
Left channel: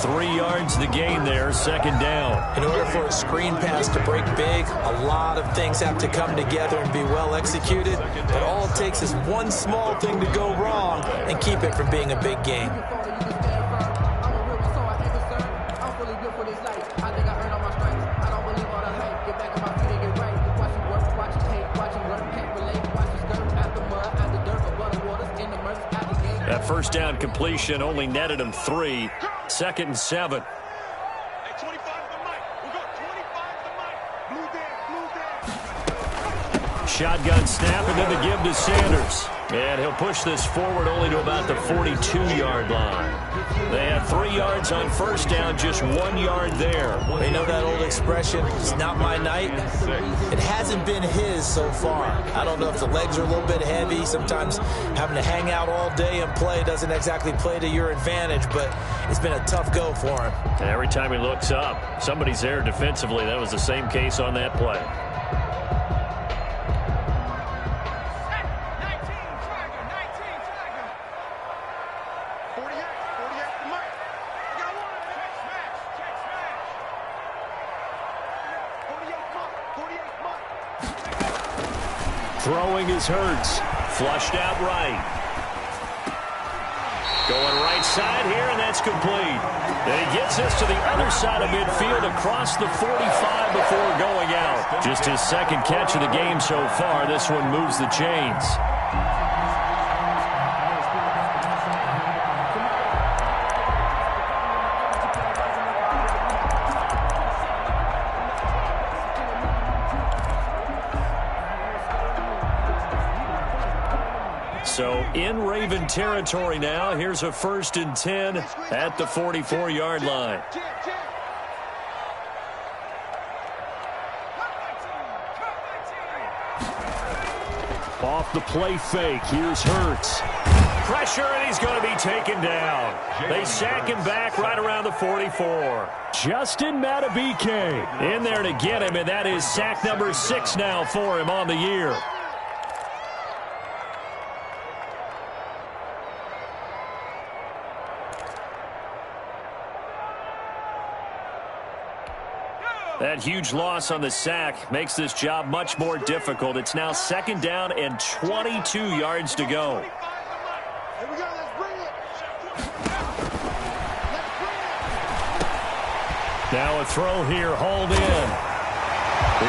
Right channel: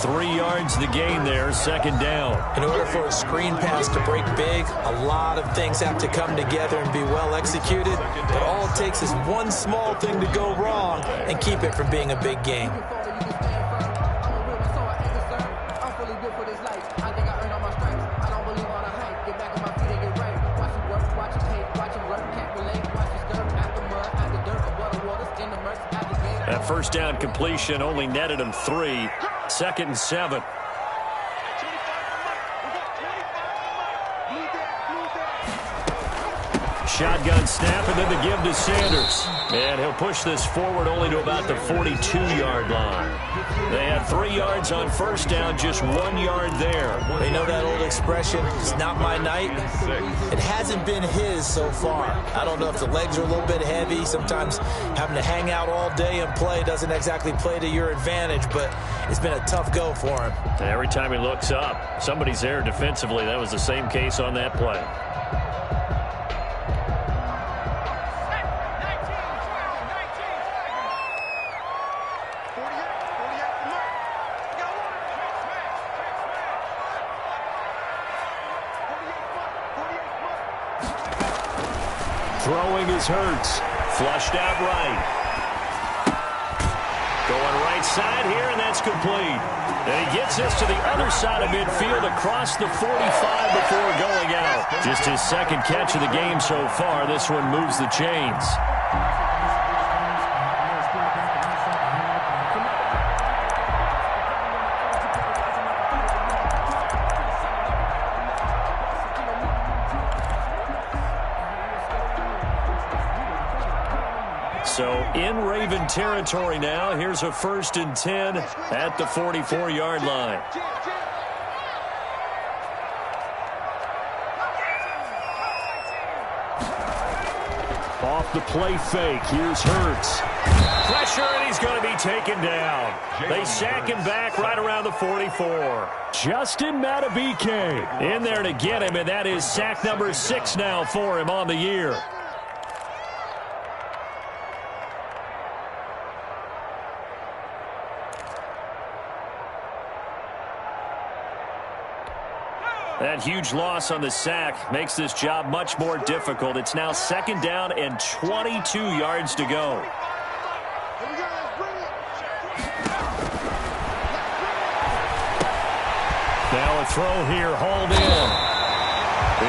3 yards the gain there, 2nd down. In order for a screen pass to break big, a lot of things have to come together and be well executed. But all it takes is one small thing to go wrong and keep it from being a big gain. That first down completion only netted him 3. 2nd and 7. Shotgun snap, and then the give to Sanders. And he'll push this forward only to about the 42-yard line. They had 3 yards on first down, just 1 yard there. They know that old expression, it's not my night. It hasn't been his so far. I don't know if the legs are a little bit heavy. Sometimes having to hang out all day and play doesn't exactly play to your advantage, but it's been a tough go for him. Every time he looks up, somebody's there defensively. That was the same case on that play. Throwing is Hurts. Flushed out right. Going right side here, and that's complete. And he gets this to the other side of midfield across the 45 before going out. Just his 2nd catch of the game so far. This one moves the chains. So in Raven territory now. Here's a 1st and 10 at the 44-yard line. Off the play fake, here's Hurts. Pressure, and he's going to be taken down. They sack him back right around the 44. Justin Madubuike in there to get him, and that is sack number 6 now for him on the year. That huge loss on the sack makes this job much more difficult. It's now 2nd down and 22 yards to go. Here we go, let's bring it. Now a throw here, hauled in.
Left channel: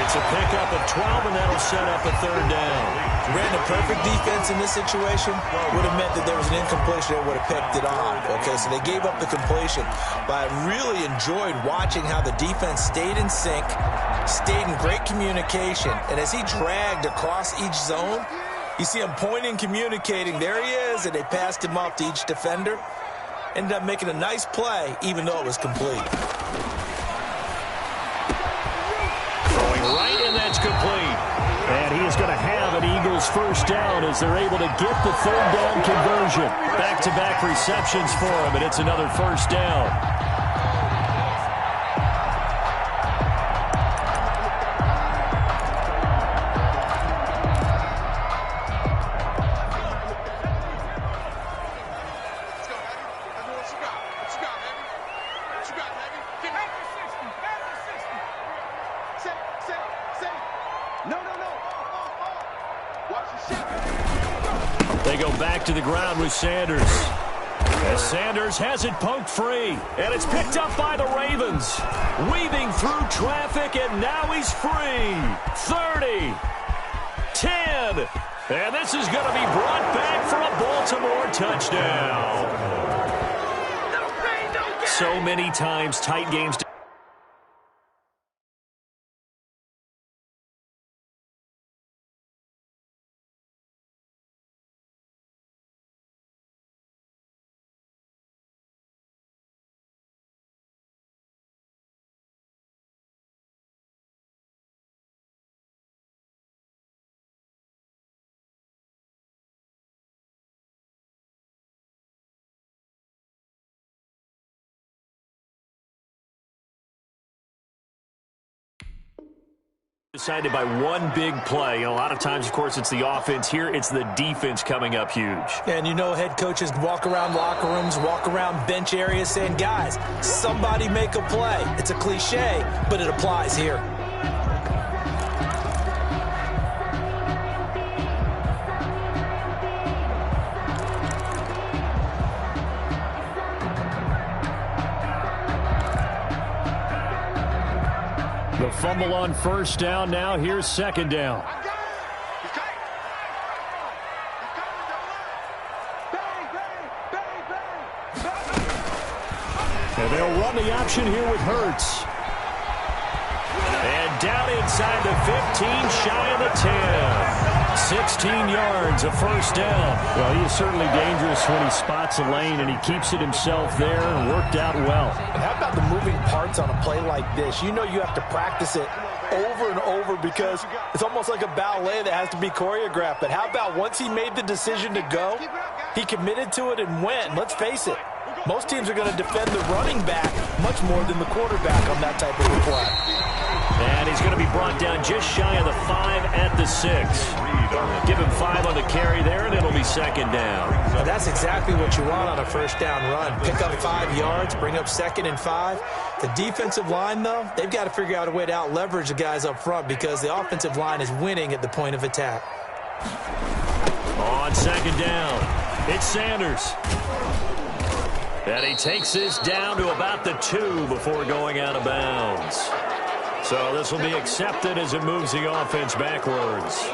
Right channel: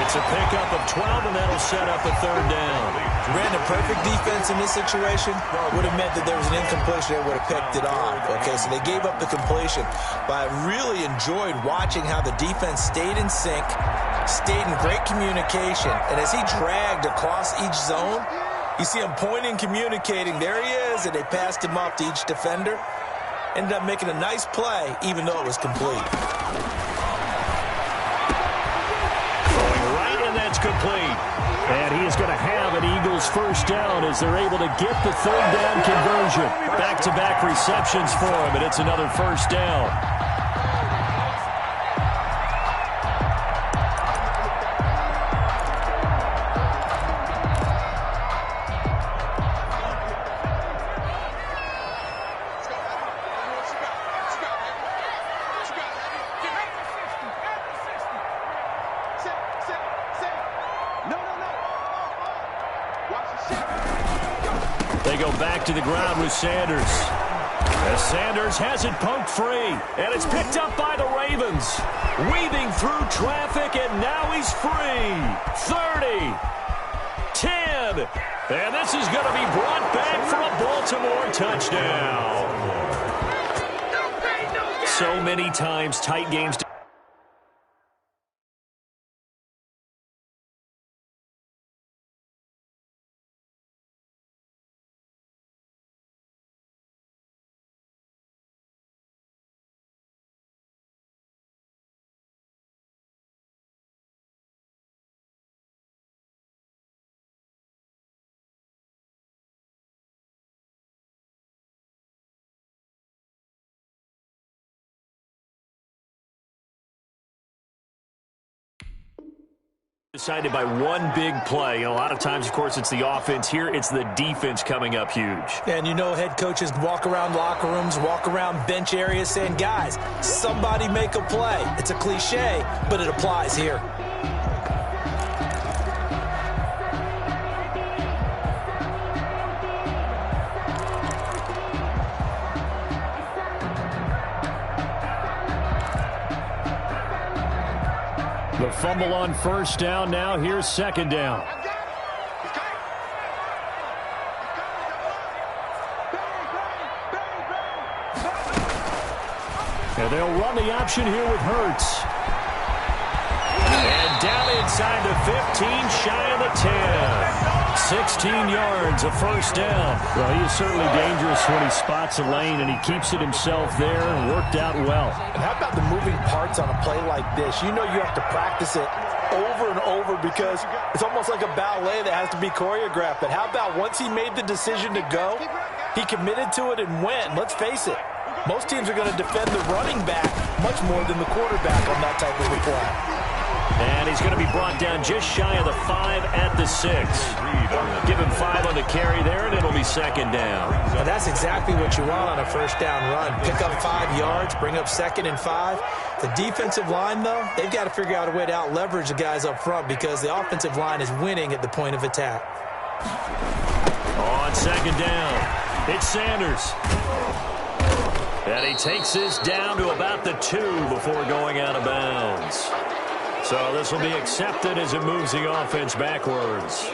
It's a pickup of 12, and that'll set up a 3rd down. Brandon, perfect defense in this situation would have meant that there was an incompletion. They would have picked it off. Okay, so they gave up the completion. But I really enjoyed watching how the defense stayed in sync, stayed in great communication. And as he dragged across each zone, you see him pointing, communicating. There he is, and they passed him off to each defender. Ended up making a nice play, even though it was complete. That's complete. And he is going to have an Eagles 1st down as they're able to get the 3rd down conversion. Back-to-back receptions for him, and it's another 1st down. They go back to the ground with Sanders. As Sanders has it poked free. And it's picked up by the Ravens. Weaving through traffic, and now he's free. 30. 10. And this is going to be brought back for a Baltimore touchdown. So many times, tight games. Decided by one big play. A lot of times, of course, it's the offense. Here, it's the defense coming up huge. And you know, head coaches walk around locker rooms, walk around bench areas saying, guys, somebody make a play. It's a cliche, but it applies here. The fumble on 1st down. Now here's 2nd down. He's coming. He's coming, double up. Bang, bang, bang, bang. And they'll run the option here with Hurts. And down inside the 15, shy of the 10. 16 yards, a 1st down. Well, he is certainly dangerous when he spots a lane, and he keeps it himself there and worked out well. And how about the moving parts on a play like this? You know you have to practice it over and over because it's almost like a ballet that has to be choreographed. But how about once he made the decision to go, he committed to it and went. Let's face it, most teams are going to defend the running back much more than the quarterback on that type of a play. And he's going to be brought down just shy of the 5 at the 6. Give him 5 on the carry there, and it'll be 2nd down. Now that's exactly what you want on a 1st down run. Pick up 5 yards, bring up 2nd and 5. The defensive line, though, they've got to figure out a way to out-leverage the guys up front because the offensive line is winning at the point of attack. On 2nd down, it's Sanders. And he takes this down to about the 2 before going out of bounds. So this will be accepted as it moves the offense backwards.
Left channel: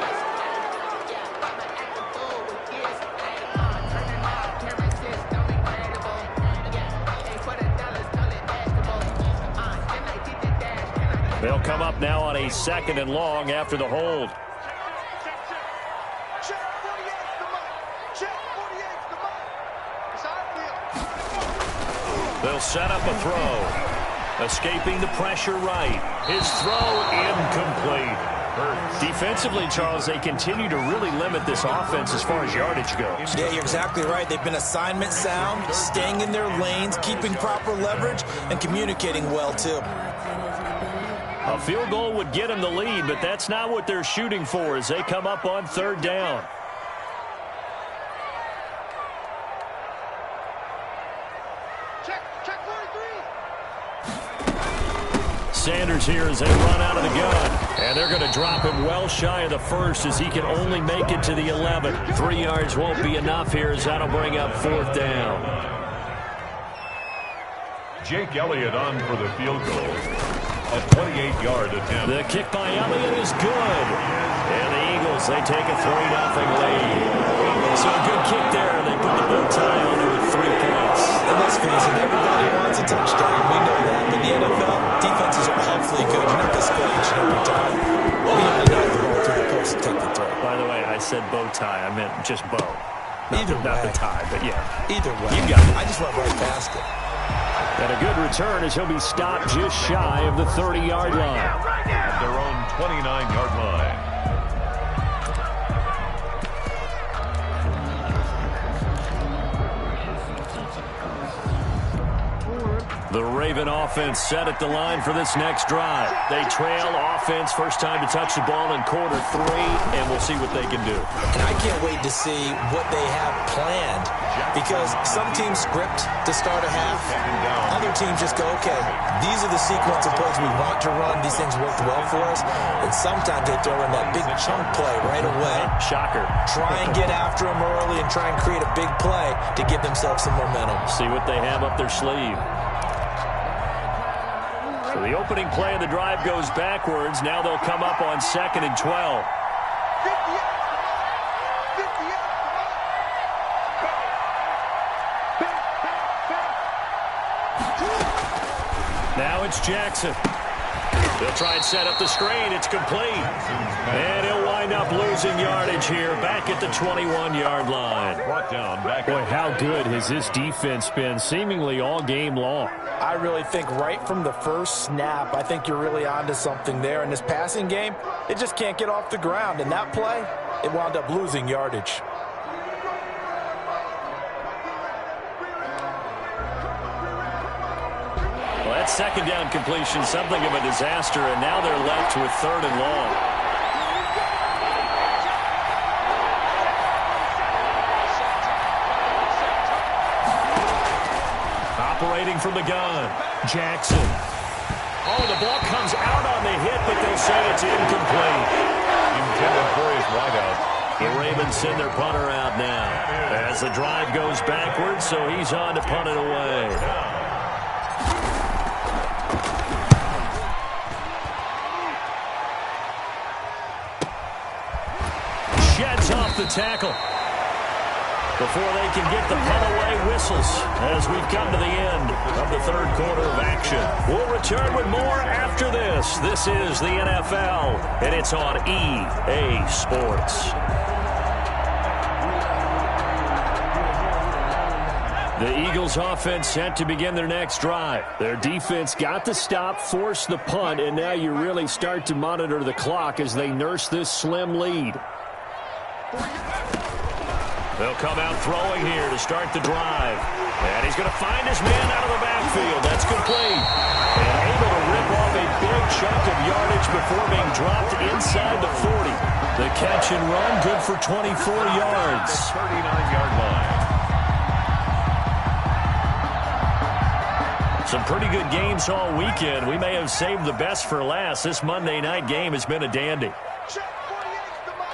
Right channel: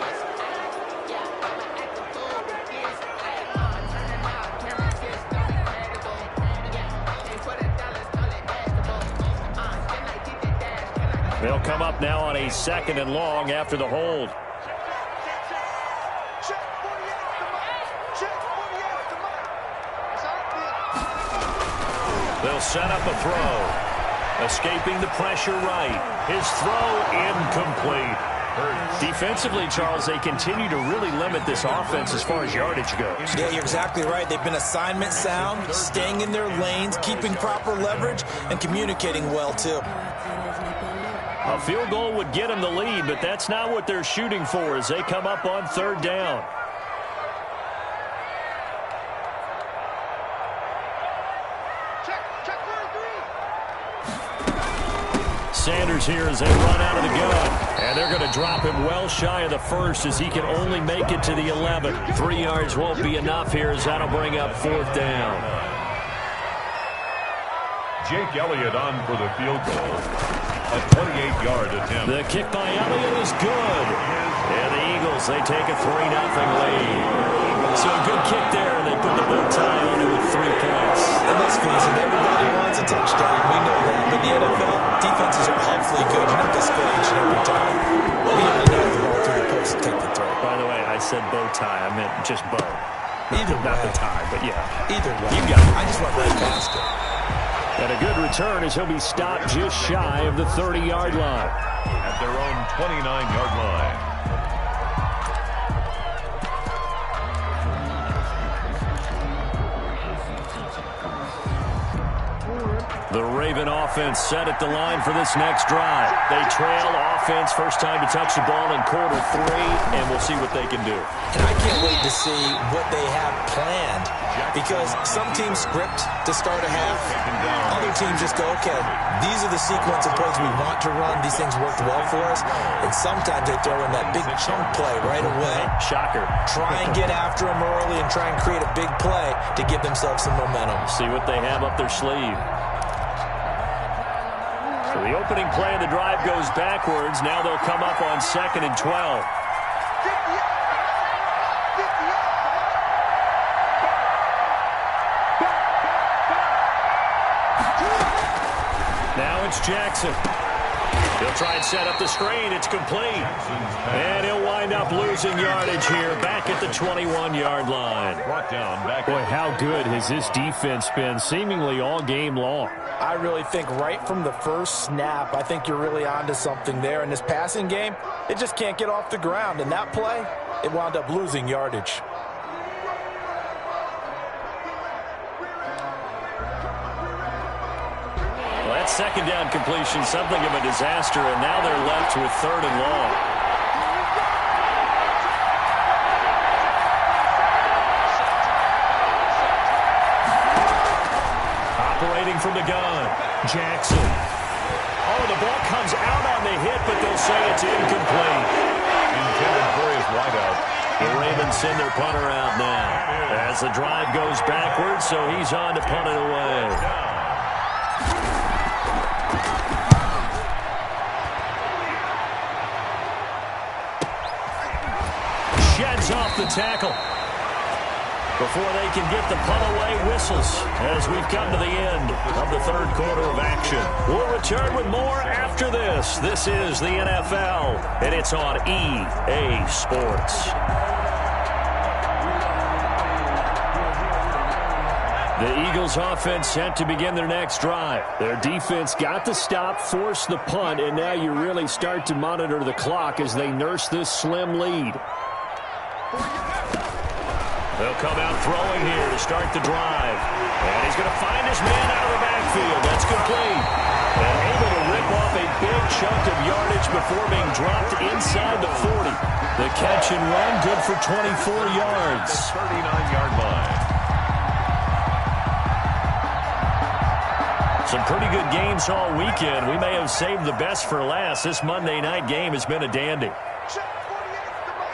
They'll come up now on a 2nd and long after the hold. Check 48's the mic. Check 48's the mic. It's our deal. They'll set up a throw. Escaping the pressure right. His throw incomplete. Defensively, Charles, they continue to really limit this offense as far as yardage goes. Yeah, you're exactly right. They've been assignment sound, staying in their lanes, keeping proper leverage, and communicating well, too. A field goal would get them the lead, but that's not what they're shooting for as they come up on third down. Check 43. Sanders here as they run out of the gun. And they're going to drop him well shy of the first as he can only make it to the 11. 3 yards won't be enough here as that'll bring up fourth down. Jake Elliott on for the field goal. A 28-yard attempt. The kick by Elliott is good. And the Eagles, they take a 3-0 lead. So a good kick there, and they put the bow tie on it with 3 points. And let's face it, everybody wants a touchdown. We know that. But the NFL, defenses are awfully good. You have to score each and every time. We have to knock the ball through the post and take the throw. By the way, I said bow tie. I meant just bow. Not the tie, but yeah. Either way. You got it. I just went right past it. And a good return as he'll be stopped just shy of the 30-yard line. At their own 29-yard line. The Raven offense set at the line for this next drive. They trail offense, first time to touch the ball in quarter 3, and we'll see what they can do. And I can't wait to see what they have planned, because some teams script to start a half. Other teams just go, okay, these are the sequence of plays we want to run. These things worked well for us. And sometimes they throw in that big chunk play right away. Shocker. Try and get after them early and try and create a big play to give themselves some momentum. See what they have up their sleeve. So the opening play of the drive goes backwards. Now they'll come up on 2nd and 12. 58. Now it's Jackson. He'll try and set up the screen. It's complete. And he'll wind up losing yardage here back at the 21-yard line. Brought down back. Boy, how good has this defense been seemingly all game long? I really think right from the first snap, I think you're really onto something there. In this passing game, it just can't get off the ground. And that play, it wound up losing yardage. Well, that second down completion, something of a disaster, and now they're left with 3rd and long. Operating from the gun, Jackson. Oh, the ball comes out on the hit, but they'll say it's incomplete. Intended for his wideout. The Ravens send their punter out now as the drive goes backwards, so he's on to punt it away. Sheds off the tackle. Before they can get the punt away, whistles as we've come to the end of the 3rd quarter of action. We'll return with more after this. This is the NFL, and it's on EA Sports. The Eagles offense set to begin their next drive. Their defense got the stop, forced the punt, and now you really start to monitor the clock as they nurse this slim lead. They'll come out throwing here to start the drive. And he's going to find his man out of the backfield. That's complete. And able to rip off a big chunk of yardage before being dropped inside the 40. The catch and run, good for 24 yards. 39-yard line. Some pretty good games all weekend. We may have saved the best for last. This Monday night game has been a dandy. Check 48's the mic.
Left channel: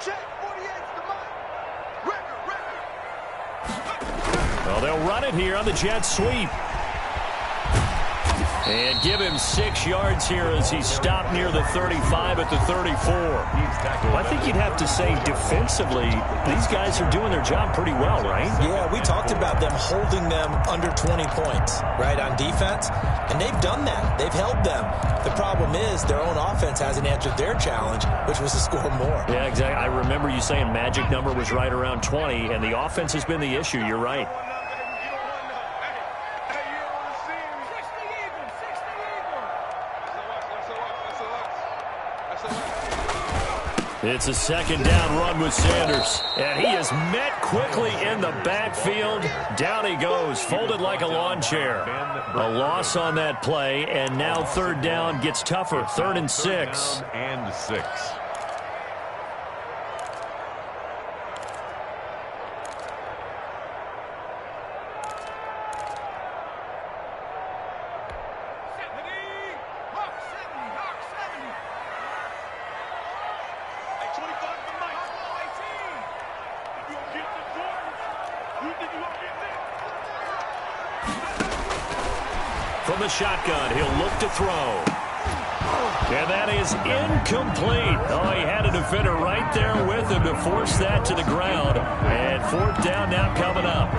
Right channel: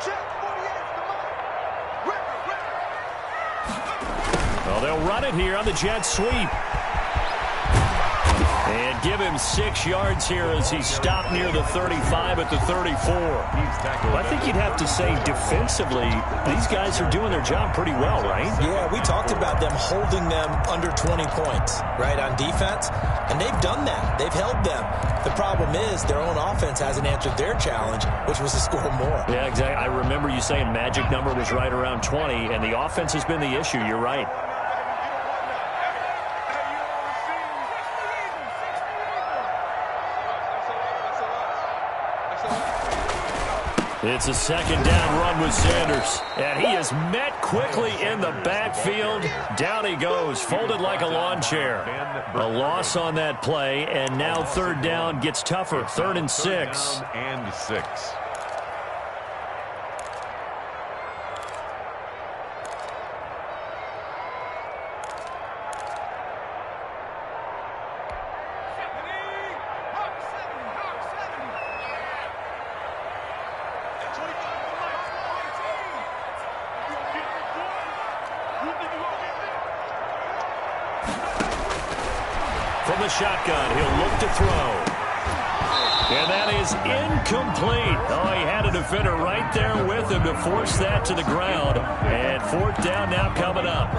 Check 48's the mic. Record. Well, they'll run it here on the jet sweep. And give him 6 yards here as he's stopped near the 35 at the 34. Well, I think you'd have to say defensively, these guys are doing their job pretty well, right? Yeah, we talked about them holding them under 20 points, right, on defense. And they've done that. They've held them. The problem is their own offense hasn't answered their challenge, which was to score more. Yeah, exactly. I remember you saying magic number was right around 20, and the offense has been the issue. You're right. It's a second down run with Sanders. And he is met quickly in the backfield. Down he goes, folded like a lawn chair. A loss on that play, and now third down gets tougher. 3rd and 6. And 6. From the shotgun, he'll look to throw. And that is incomplete. Oh, he had a defender right there with him to force that to the ground. And 4th down now coming up.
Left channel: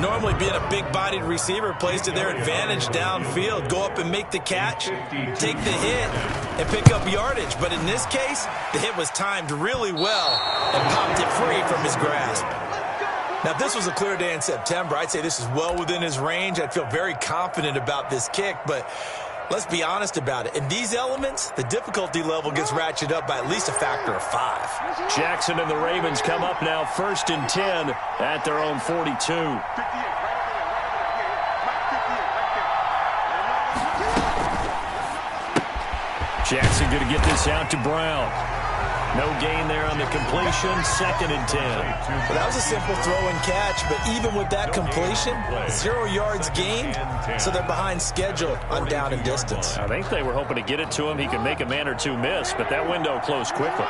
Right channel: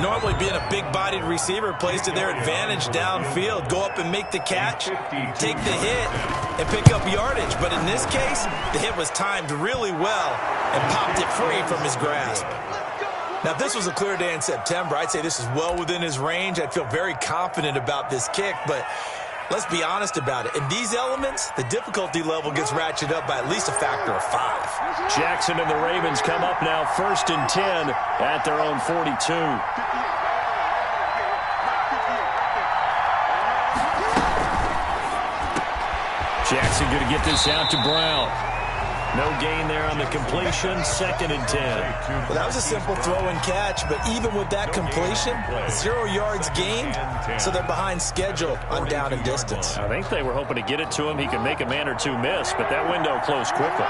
Normally being a big-bodied receiver plays to their advantage downfield. Go up and make the catch, take the hit, and pick up yardage. But in this case, the hit was timed really well and popped it free from his grasp. Now, if this was a clear day in September, I'd say this is well within his range. I'd feel very confident about this kick, but let's be honest about it. In these elements, the difficulty level gets ratcheted up by at least a factor of 5. Jackson and the Ravens come up now 1st and 10 at their own 42. Jackson going to get this out to Brown. No gain there on the completion, 2nd and 10. Well, that was a simple throw and catch, but even with that completion, 0 yards gained, so they're behind schedule on down and distance. I think they were hoping to get it to him. He could make a man or two miss, but that window closed quickly.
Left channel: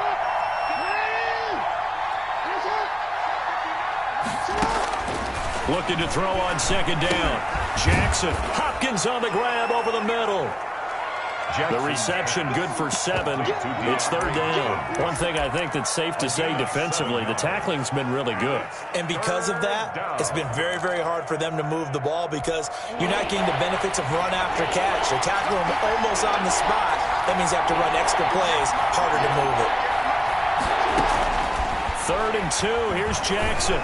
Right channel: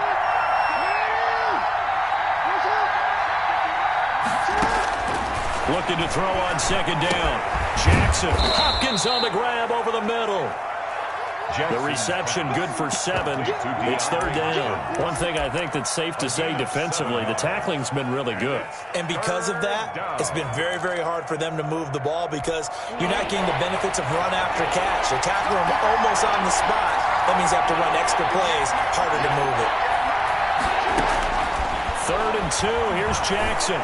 Looking to throw on 2nd down. Jackson, Hopkins on the grab over the middle. The reception good for 7. It's 3rd down. One thing I think that's safe to say defensively, the tackling's been really good. And because of that, it's been very, very hard for them to move the ball because you're not getting the benefits of run after catch. They're tackling them almost on the spot. That means you have to run extra plays, harder to move it. 3rd and 2. Here's Jackson.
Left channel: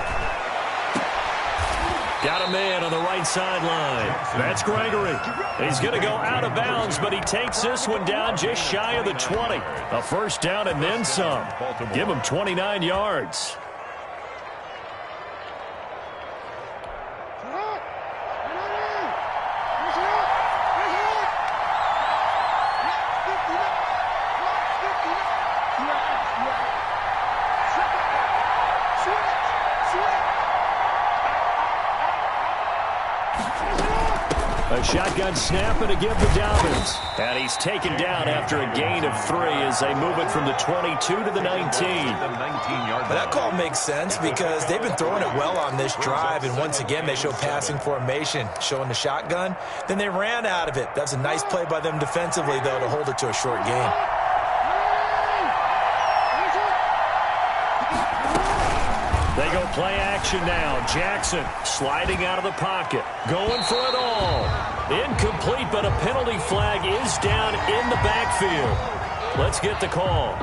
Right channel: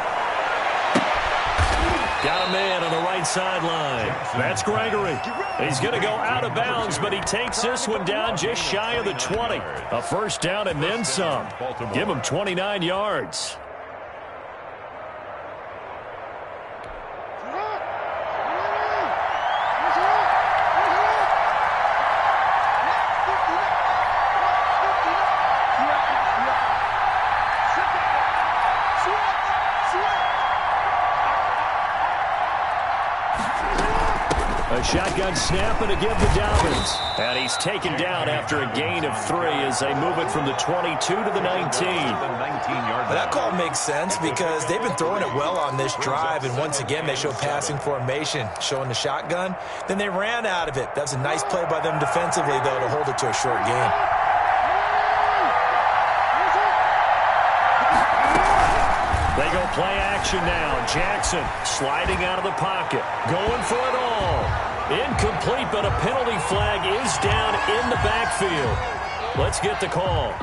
Got a man on the right sideline. That's Gregory. He's going to go out of bounds, but he takes this one down just shy of the 20. A 1st down and then some. Give him 29 yards. A shotgun snap and a give to Dobbins. And he's taken down after a gain of 3 as they move it from the 22 to the 19. Well, that call makes sense because they've been throwing it well on this drive, and once again they show passing formation, showing the shotgun. Then they ran out of it. That's a nice play by them defensively, though, to hold it to a short gain. They go play action now. Jackson sliding out of the pocket. Going for it all. Incomplete, but a penalty flag is down in the backfield. Let's get the call.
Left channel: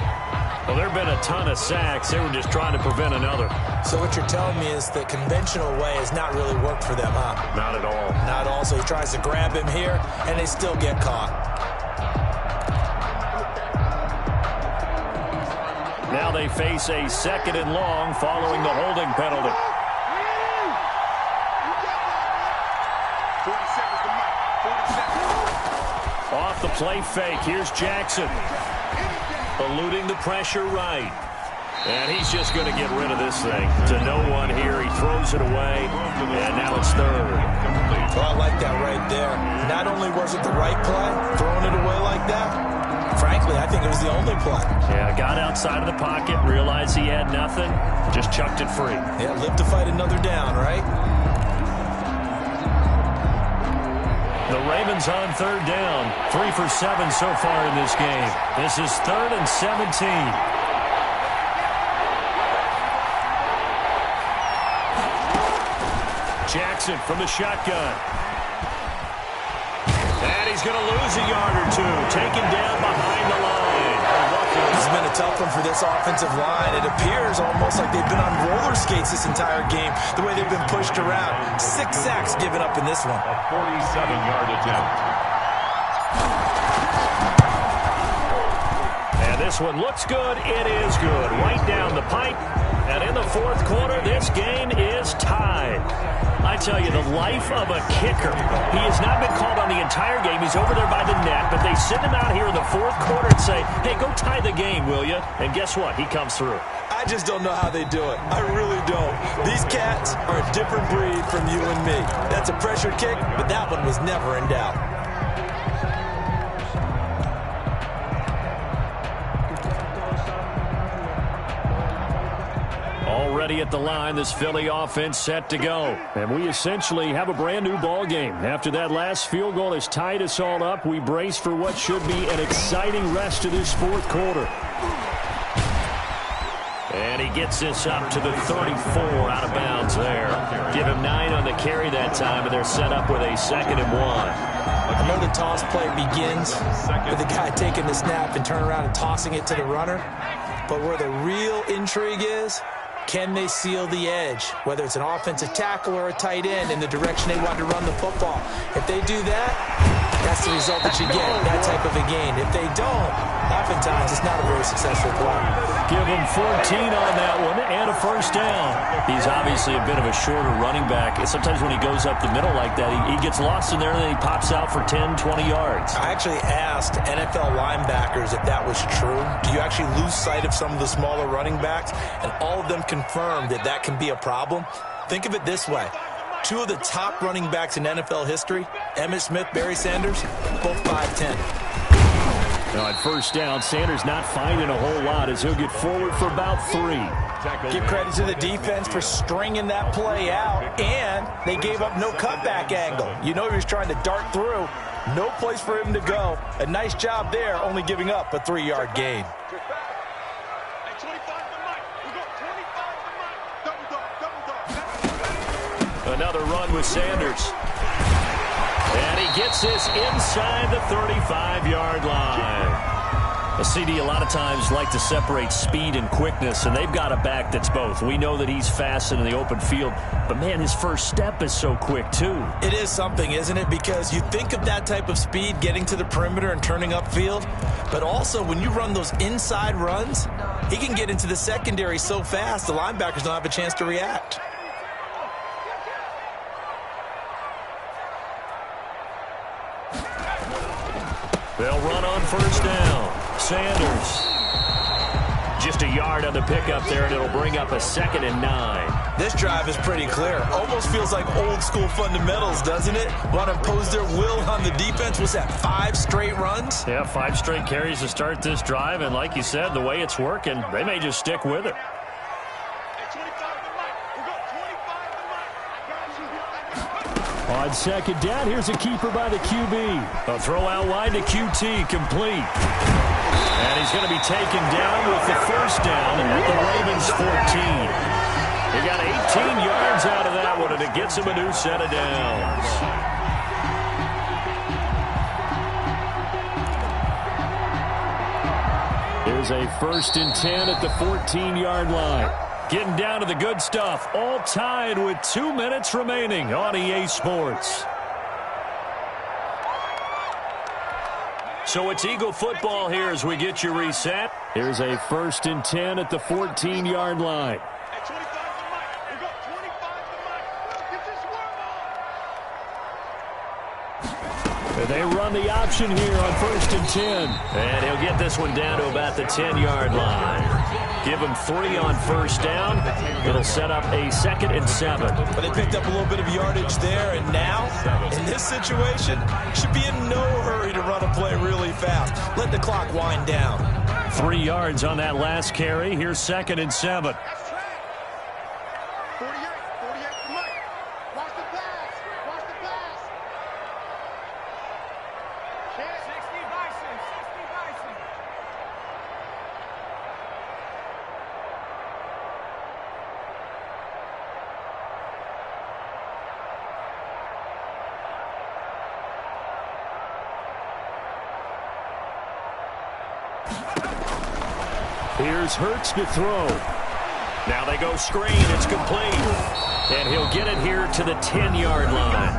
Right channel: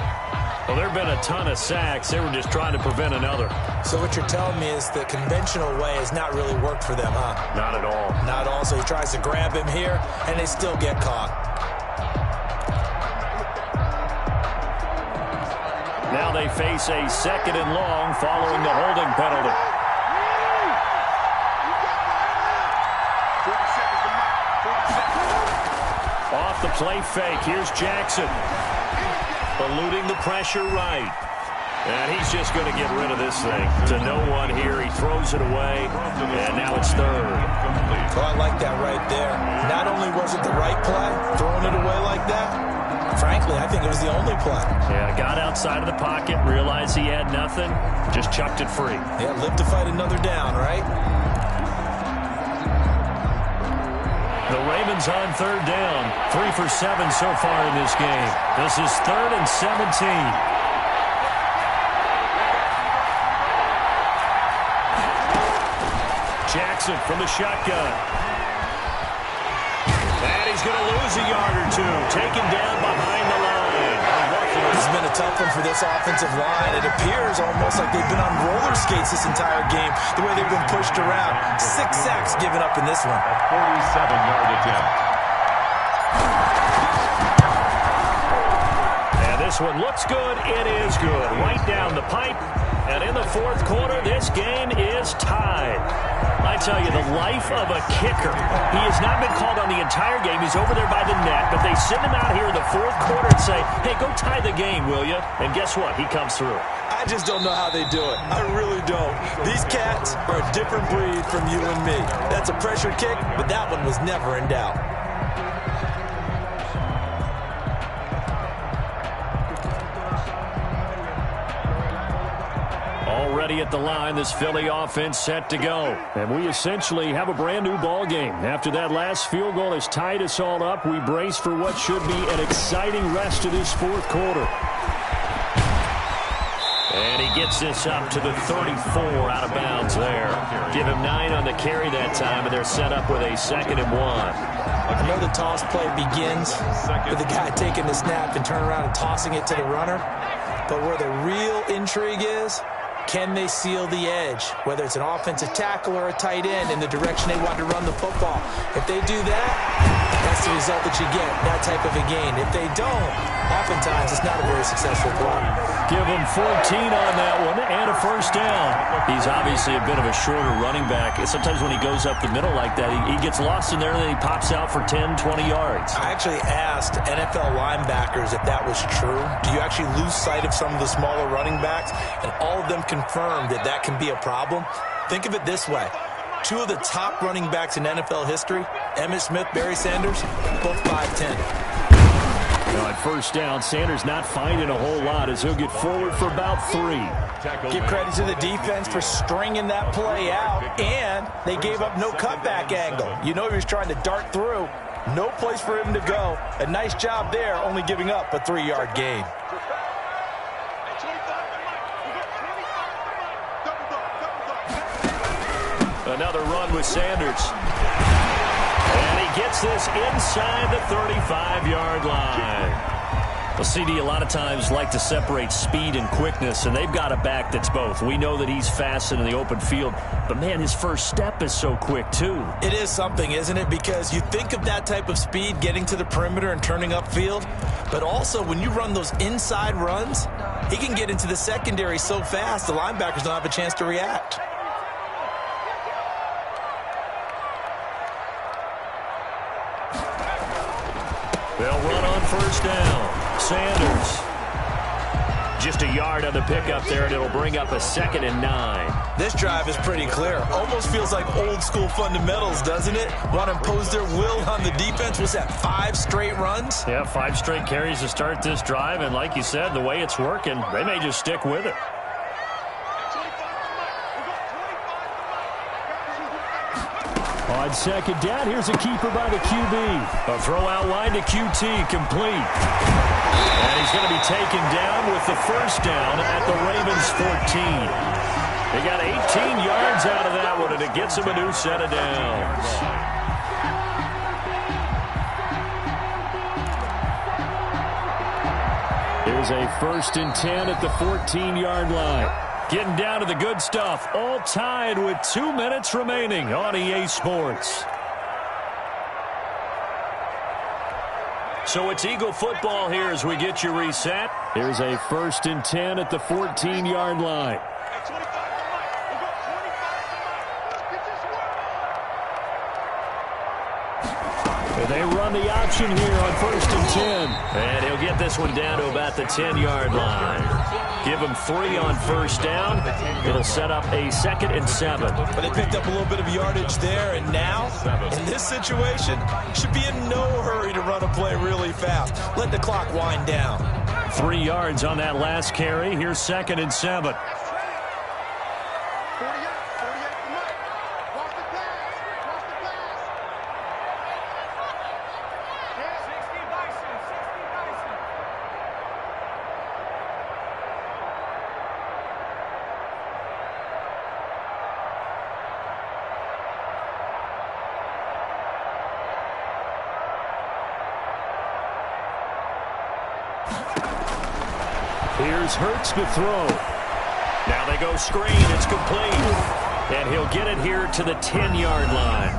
Well, there have been a ton of sacks. They were just trying to prevent another. So what you're telling me is the conventional way has not really worked for them, huh? Not at all. Not at all. So he tries to grab him here, and they still get caught. Now they face a 2nd and long following the holding penalty. 40 seconds to Mike. 40 seconds. Off the play fake. Here's Jackson. Eluding the pressure right. And he's just going to get rid of this thing. To no one here. He throws it away. And now it's 3rd. Oh, I like that right there. Not only was it the right play, throwing it away like that, frankly, I think it was the only play. Yeah, got outside of the pocket, realized he had nothing, just chucked it free. Yeah, live to fight another down, right? The Ravens on 3rd down. 3 for 7 so far in this game. This is 3rd and 17. Jackson from the shotgun. And he's going to lose a yard or two. Taken down behind the line. This has been a tough one for this offensive line. It appears almost like they've been on roller skates this entire game, the way they've been pushed around. 6 sacks given up in this one. A 47-yard attempt. And This one looks good. It is good. Right down the pipe. And in the fourth quarter, this game is tied. I tell you, the life of a kicker. He has not been called on the entire game. He's over there by the net, but they send him out here in the fourth quarter and say, hey, go tie the game, will you? And guess what? He comes through. I just don't know how they do it. I really don't. These cats are a different breed from you and me. That's a pressure kick, but that one was never in doubt. Already at the line, this Philly offense set to go. And we essentially have a brand new ball game. After that last field goal has tied us all up, we brace for what should be an exciting rest of this fourth quarter. And he gets this up to the 34 out of bounds there. Give him 9 on the carry that time, and they're set up with a 2nd and 1. I know the toss play begins with the guy taking the snap and turning around and tossing it to the runner. But where the real intrigue is, can they seal the edge, whether it's an offensive tackle or a tight end, in the direction they want to run the football? If they do that, that's the result that you get, that type of a gain. If they don't, oftentimes it's not a very successful play. Give him 14 on that one and a first down. He's obviously a bit of a shorter running back. Sometimes when he goes up the middle like that, he gets lost in there and then he pops out for 10, 20 yards. I actually asked NFL linebackers if that was true. Do you actually lose sight of some of the smaller running backs? And all of them confirmed that that can be a problem. Think of it this way. 2 of the top running backs in NFL history, Emmitt Smith, Barry Sanders, both 5'10". Now at first down, Sanders not finding a whole lot as he'll get forward for about 3. Give credit to the defense for stringing that play out, and they gave up no cutback angle. You know he was trying to dart through. No place for him to go. A nice job there, only giving up a 3-yard gain. Another run with Sanders. And he gets this inside the 35-yard line. Well, CD, a lot of times like to separate speed and quickness, and they've got a back that's both. We know that he's fast in the open field, but, man, his first step is so quick, too. It is something, isn't it? Because you think of that type of speed getting to the perimeter and turning upfield, but also when you run those inside runs, he can get into the secondary so fast the linebackers don't have a chance to react. They'll run on first down. Sanders. Just a yard on the pickup there, and it'll bring up a 2nd and 9. This drive is pretty clear. Almost feels like old school fundamentals, doesn't it? Want to impose their will on the defense. What's that, 5 straight runs? Yeah, 5 straight carries to start this drive, and like you said, the way it's working, they may just stick with it. On 2nd down, here's a keeper by the QB. A throw out wide to QT, complete. And he's going to be taken down with the first down at the Ravens' 14. He got 18 yards out of that one, and it gets him a new set of downs. Here's a 1st and 10 at the 14-yard line. Getting down to the good stuff. All tied with 2 minutes remaining on EA Sports. So it's Eagle football here as we get you reset. Here's a 1st and 10 at the 14-yard line. They run the option here on 1st and 10. And he'll get this one down to about the 10-yard line. Give him 3 on first down. It'll set up a 2nd and 7. But they picked up a little bit of yardage there, and now, in this situation, should be in no hurry to run a play really fast. Let the clock wind down. 3 yards on that last carry. Here's 2nd and 7. 48 to Mike. Watch the pass. Watch the pass. 60 Bison. 60 Bison. Here's Hurts to throw. Now they go screen. It's complete. And he'll get it here to the 10-yard line.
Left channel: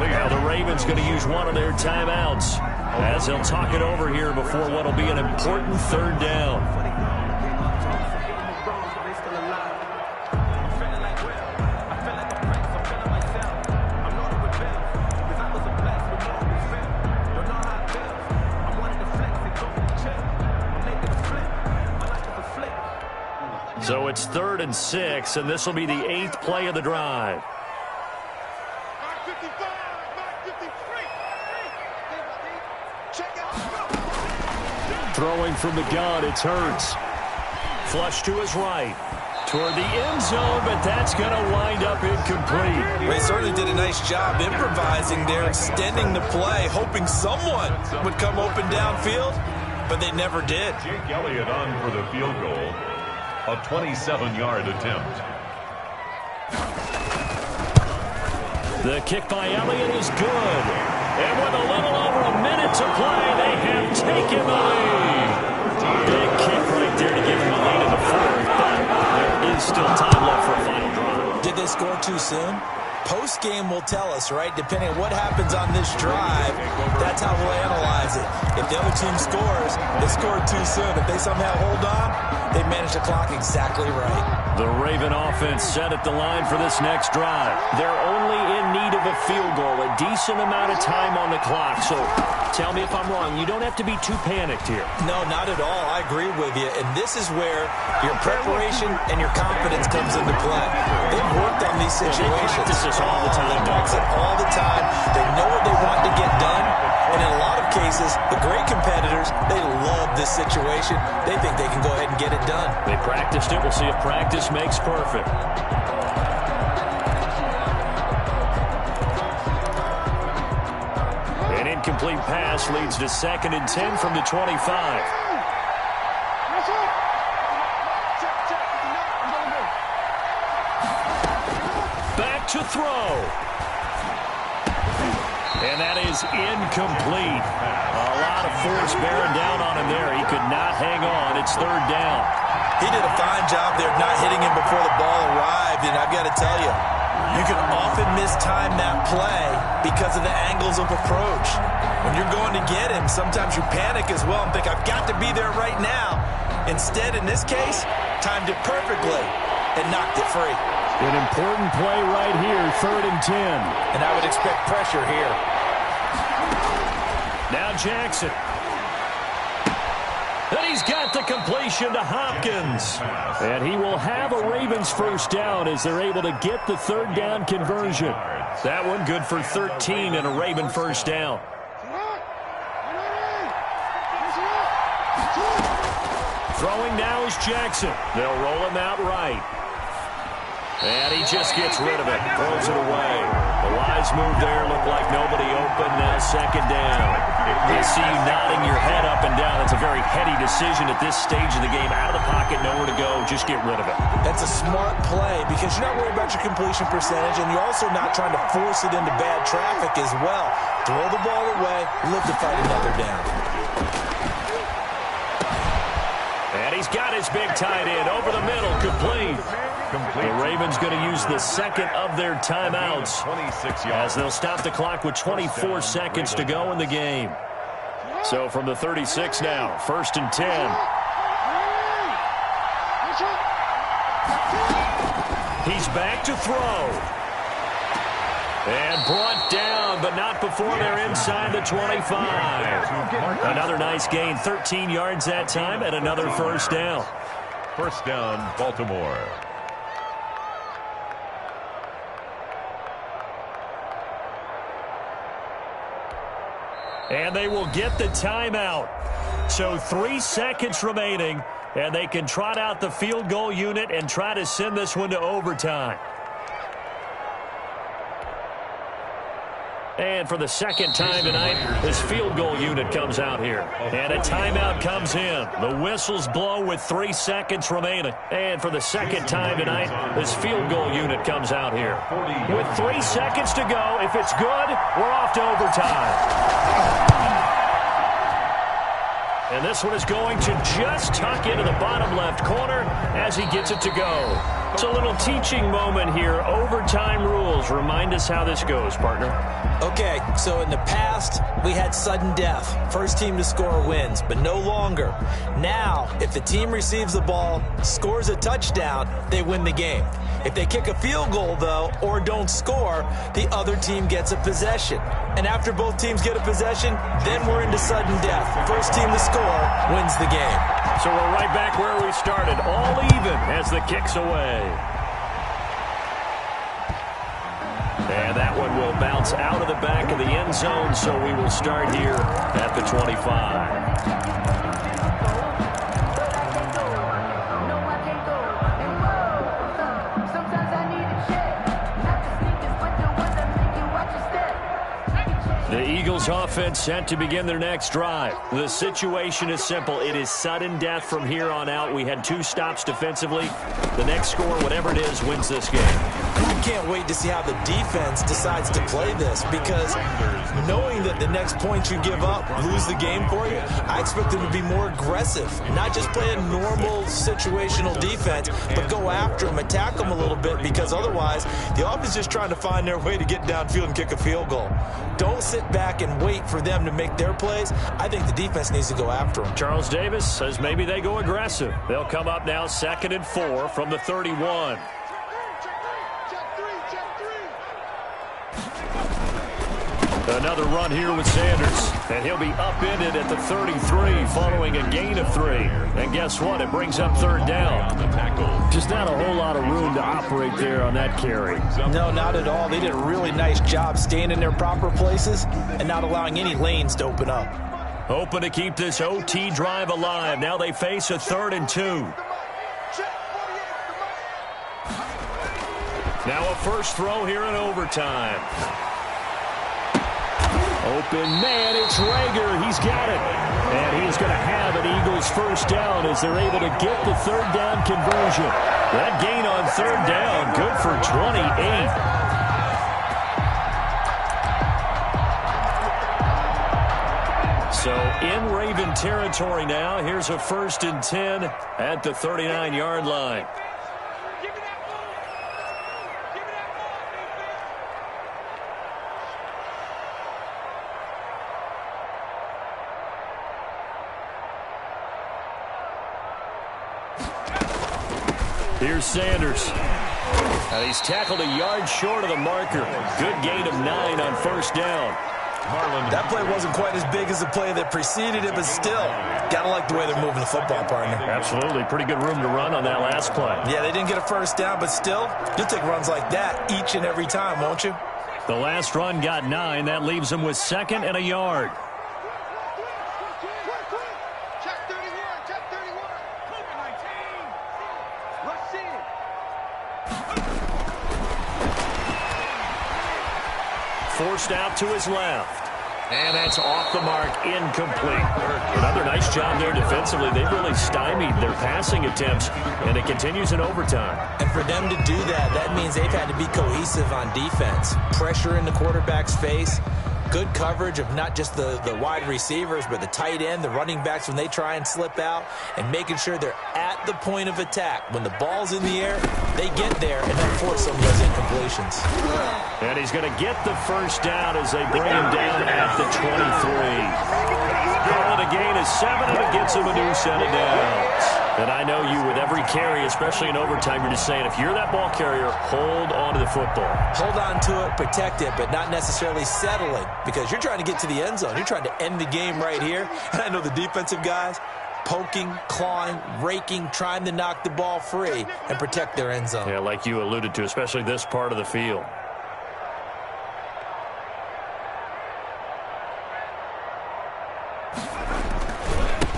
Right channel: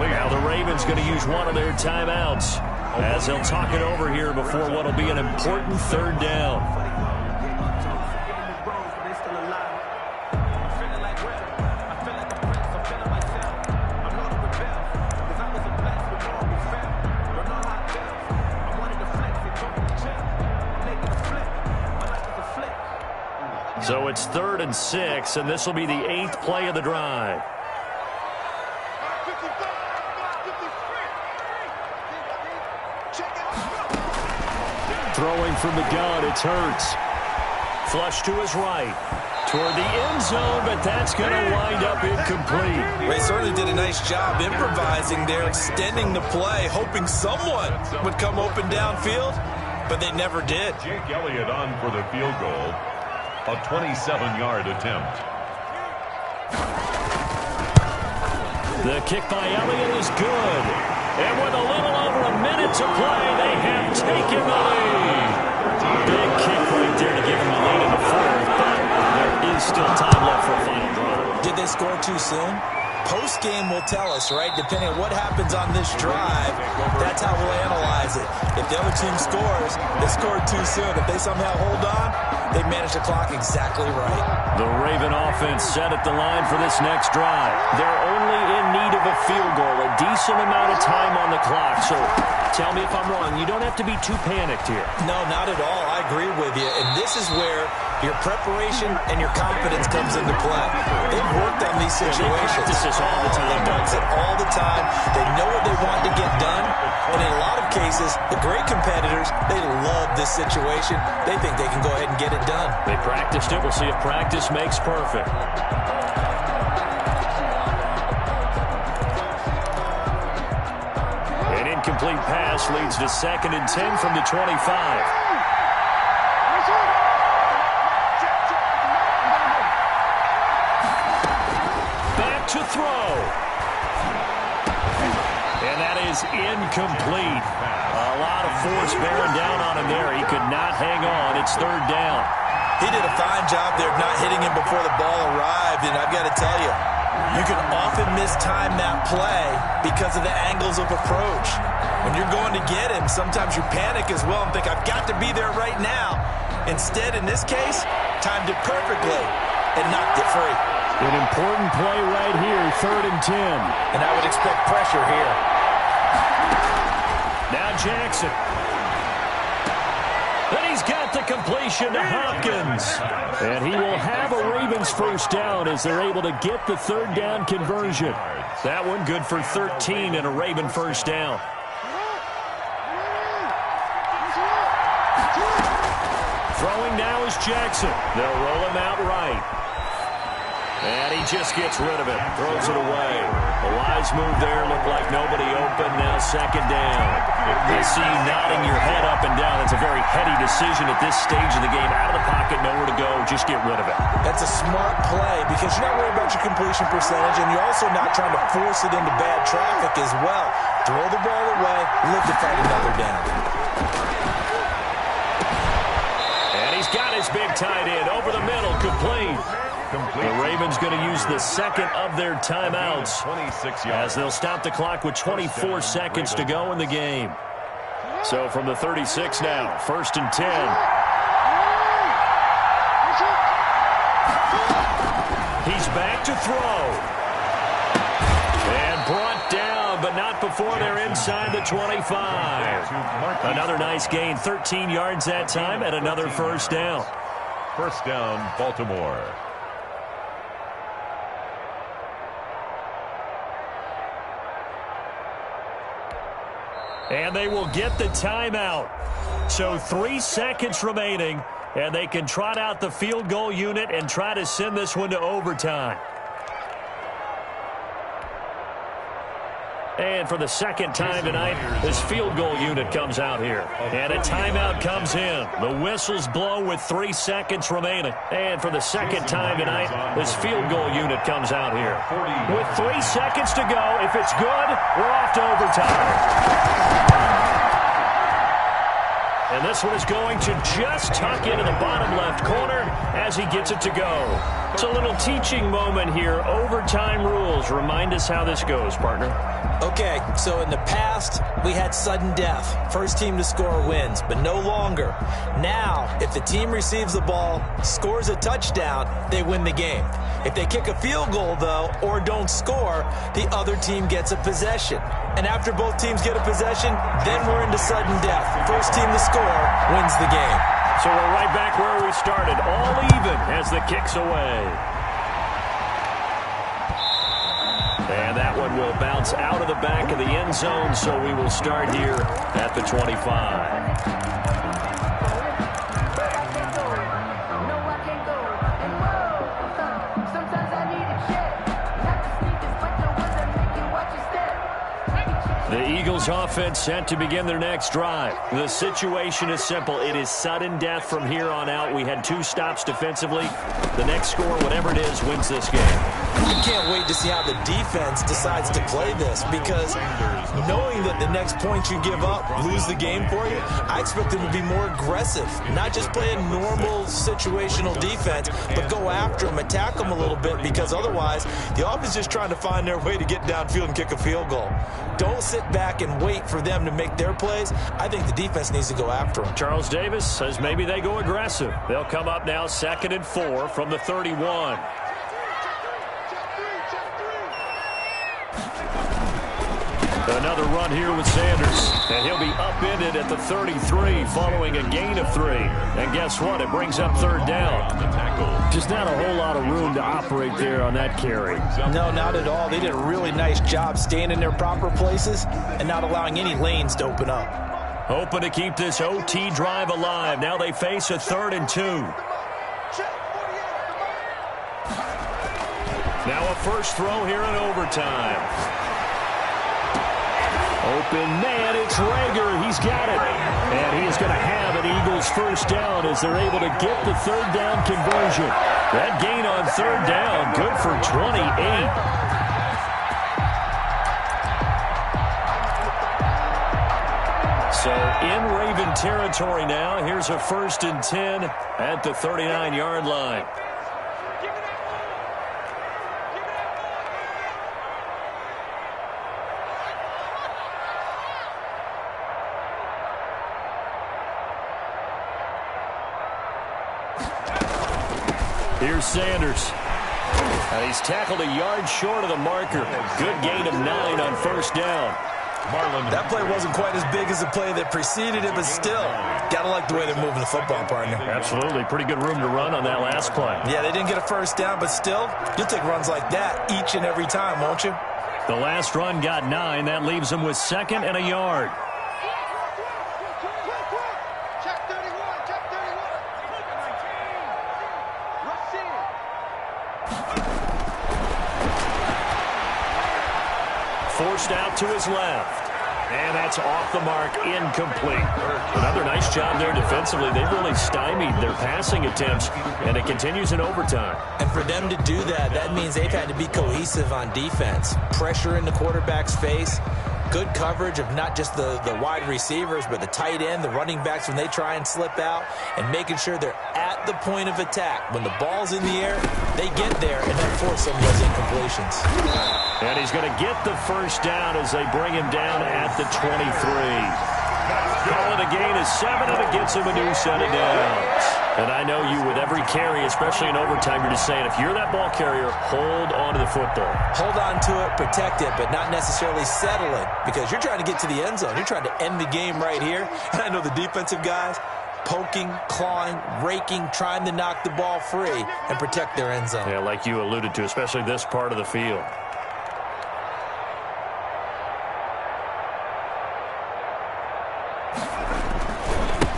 Now the Ravens going to use one of their timeouts. as they'll talk it over here before what will be an important third down. So it's 3rd and 6, and this will be the 8th play of the drive. Throwing from the gun, it's Hurts. Flush to his right. Toward the end zone, but that's going to wind up incomplete. They certainly did a nice job improvising there, extending the play, hoping someone would come open downfield, but they never did. Jake Elliott on for the field goal. A 27-yard attempt. The kick by Elliott is good. And with a little over a minute to play, they have taken the lead. Big kick right there to give them a lead in the 4th, but there is still time left for a final drive. Did they score too soon? Post-game will tell us, right? Depending on what happens on this drive, that's how we'll analyze it. If the other team scores, they scored too soon. If they somehow hold on, they managed the clock exactly right. The Raven offense set at the line for this next drive. They're only in need of a field goal, a decent amount of time on the clock. So tell me if I'm wrong. You don't have to be too panicked here. No, not at all. I agree with you. And this is where your preparation and your confidence comes into play. They've worked on these situations. They practice this all the time. They practice it all the time. They know what they want to get done. And in a lot of cases, the great competitors, they love this situation. They think they can go ahead and get it done. They practiced it. We'll see if practice makes perfect. An incomplete pass leads to 2nd and 10 from the 25. Back to throw. And that is incomplete. A lot of force bearing down on him there. He could not hang on. It's 3rd down. He did a fine job there of not hitting him before the ball arrived. And I've got to tell you, you can often mistime that play because of the angles of approach. When you're going to get him, sometimes you panic as well and think, I've got to be there right now. Instead, in this case, timed it perfectly and knocked it free. An important play right here, 3rd and 10. And I would expect pressure here. Now Jackson. And he's got the completion to Hopkins. And he will have a Ravens 1st down as they're able to get the 3rd down conversion. That one good for 13 and a Raven 1st down. Throwing now is Jackson. They'll roll him out right. And he just gets rid of it. Throws it away. A wise move there. Looked like nobody open. Now 2nd down. I see you nodding your head up and down. That's a very heady decision at this stage of the game. Out of the pocket, nowhere to go. Just get rid of it. That's a smart play because you're not worried about your completion percentage, and you're also not trying to force it into bad traffic as well. Throw the ball away. Live to fight another down. And he's got his big tight end over the middle. Complete. The Ravens going to use the 2nd of their timeouts as they'll stop the clock with 24 seconds to go in the game. So from the 36 now, 1st and 10. He's back to throw. And brought down, but not before they're inside the 25. Another nice gain, 13 yards that time, and another 1st down. 1st down, Baltimore. And they will get the timeout. So 3 seconds remaining, and they can trot out the field goal unit and try to send this one to overtime. And for the 2nd time tonight, this field goal unit comes out here. And a timeout comes in. The whistles blow with 3 seconds remaining. And for the 2nd time tonight, this field goal unit comes out here. With 3 seconds to go, if it's good, we're off to overtime. And this one is going to just tuck into the bottom left corner as he gets it to go. It's a little teaching moment here. Overtime rules. Remind us how this goes, partner. Okay, so in the past, we had sudden death. First team to score wins, but no longer. Now, if the team receives the ball, scores a touchdown, they win the game. If they kick a field goal, though, or don't score, the other team gets a possession. And after both teams get a possession, then we're into sudden death. First team to score wins the game. So we're right back where we started, all even as the kick's away. And that one will bounce out of the back of the end zone, so we will start here at the 25. The Eagles offense set to begin their next drive. The situation is simple. It is sudden death from here on out. We had 2 stops defensively. The next score, whatever it is, wins this game. I can't wait to see how the defense decides to play this, because knowing that the next point you give up lose the game for you, I expect them to be more aggressive. Not just play a normal situational defense, but go after them, attack them a little bit, because otherwise the offense is just trying to find their way to get downfield and kick a field goal. Don't sit back and wait for them to make their plays. I think the defense needs to go after them. Charles Davis says maybe they go aggressive. They'll come up now 2nd and 4 from the 31. Another run here with Sanders, and he'll be upended at the 33 following a gain of 3. And guess what? It brings up 3rd down. Just not a whole lot of room to operate there on that carry. No, not at all. They did a really nice job staying in their proper places and not allowing any lanes to open up. Hoping to keep this OT drive alive. Now they face a 3rd and 2. Now a first throw here in overtime. Open man, it's Rager. He's got it. And he is going to have an Eagles first down as they're able to get the 3rd down conversion. That gain on 3rd down, good for 28. So in Raven territory now. Here's a 1st and 10 at the 39-yard line. Here's Sanders. And he's tackled a yard short of the marker. Good gain of 9 on 1st down. That play wasn't quite as big as the play that preceded it, but still, gotta like the way they're moving the football, partner. Absolutely. Pretty good room to run on that last play. Yeah, they didn't get a first down, but still, you'll take runs like that each and every time, won't you? The last run got 9. That leaves them with 2nd and a yard. Check 31, check 31. Cougar 19. Rush in. Forced out to his left. And that's off the mark, incomplete. Another nice job there defensively. They've really stymied their passing attempts, and it continues in overtime. And for them to do that, that means they've had to be cohesive on defense. Pressure in the quarterback's face. Good coverage of not just the wide receivers, but the tight end, the running backs when they try and slip out, and making sure they're at the point of attack. When the ball's in the air, they get there and then force some of those incompletions. And he's going to get the first down as they bring him down at the 23. Call it a gain of 7, and it gets him a new set of downs. And I know you, with every carry, especially in overtime, you're just saying, if you're that ball carrier, hold on to the football. Hold on to it, protect it, but not necessarily settle it, because you're trying to get to the end zone. You're trying to end the game right here. And I know the defensive guys poking, clawing, raking, trying to knock the ball free and protect their end zone. Yeah, like you alluded to, especially this part of the field.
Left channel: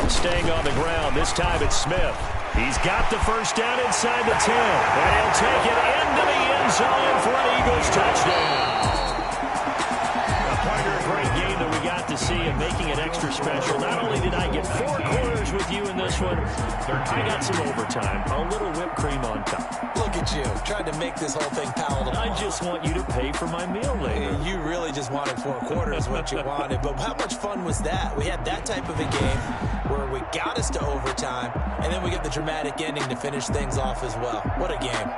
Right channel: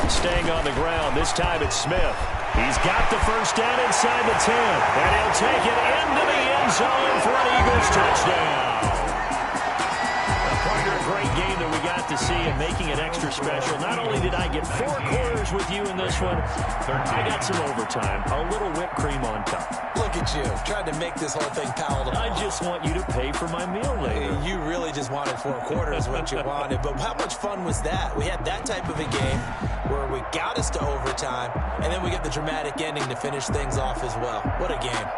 Staying on the ground. This time it's Smith. He's got the first down inside the 10. And he'll take it into the end zone for an Eagles touchdown. A partner, a great game that we got to see, and making it extra special. Not only did I get 4 quarters colors with you in this one. I got some overtime, a little whipped cream on top. Look at you, trying to make this whole thing palatable. I just want you to pay for my meal later. You really just wanted 4 quarters what you wanted, but how much fun was that? We had that type of a game where we got us to overtime, and then we get the dramatic ending to finish things off as well. What a game.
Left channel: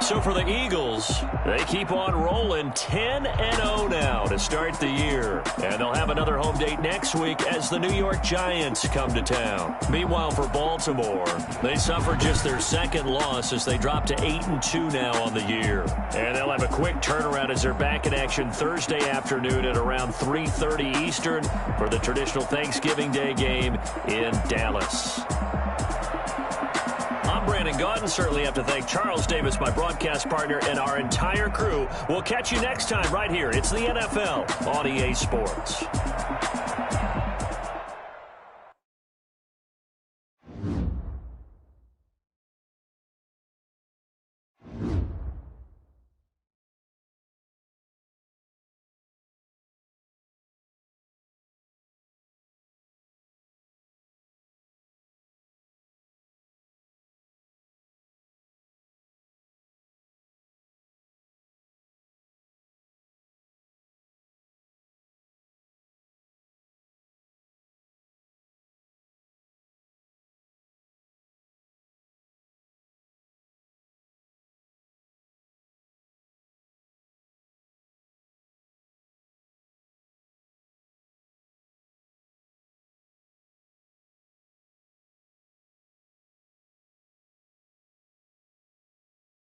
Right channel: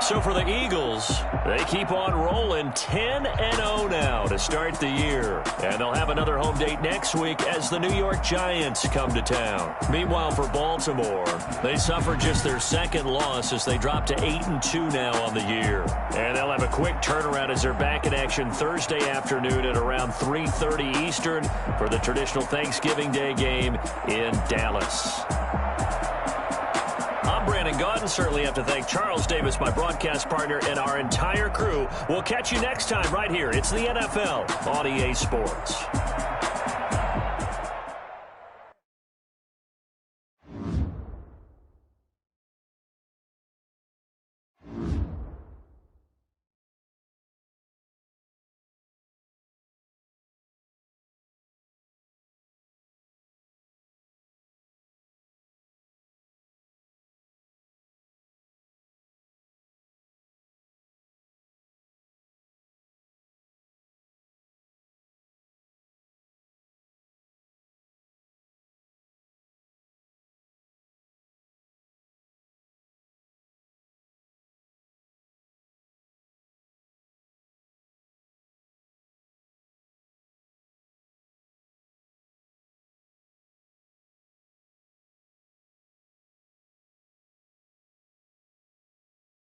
So for the Eagles, they keep on rolling 10-0 now to start the year. And they'll have another home date next week as the New York Giants come to town. Meanwhile, for Baltimore, they suffered just their second loss as they drop to 8-2 now on the year. And they'll have a quick turnaround as they're back in action Thursday afternoon at around 3:30 Eastern for the traditional Thanksgiving Day game in Dallas. I'm Brandon Gaudin. Certainly have to thank Charles Davis, my broadcast partner, and our entire crew. We'll catch you next time right here. It's the NFL on EA Sports.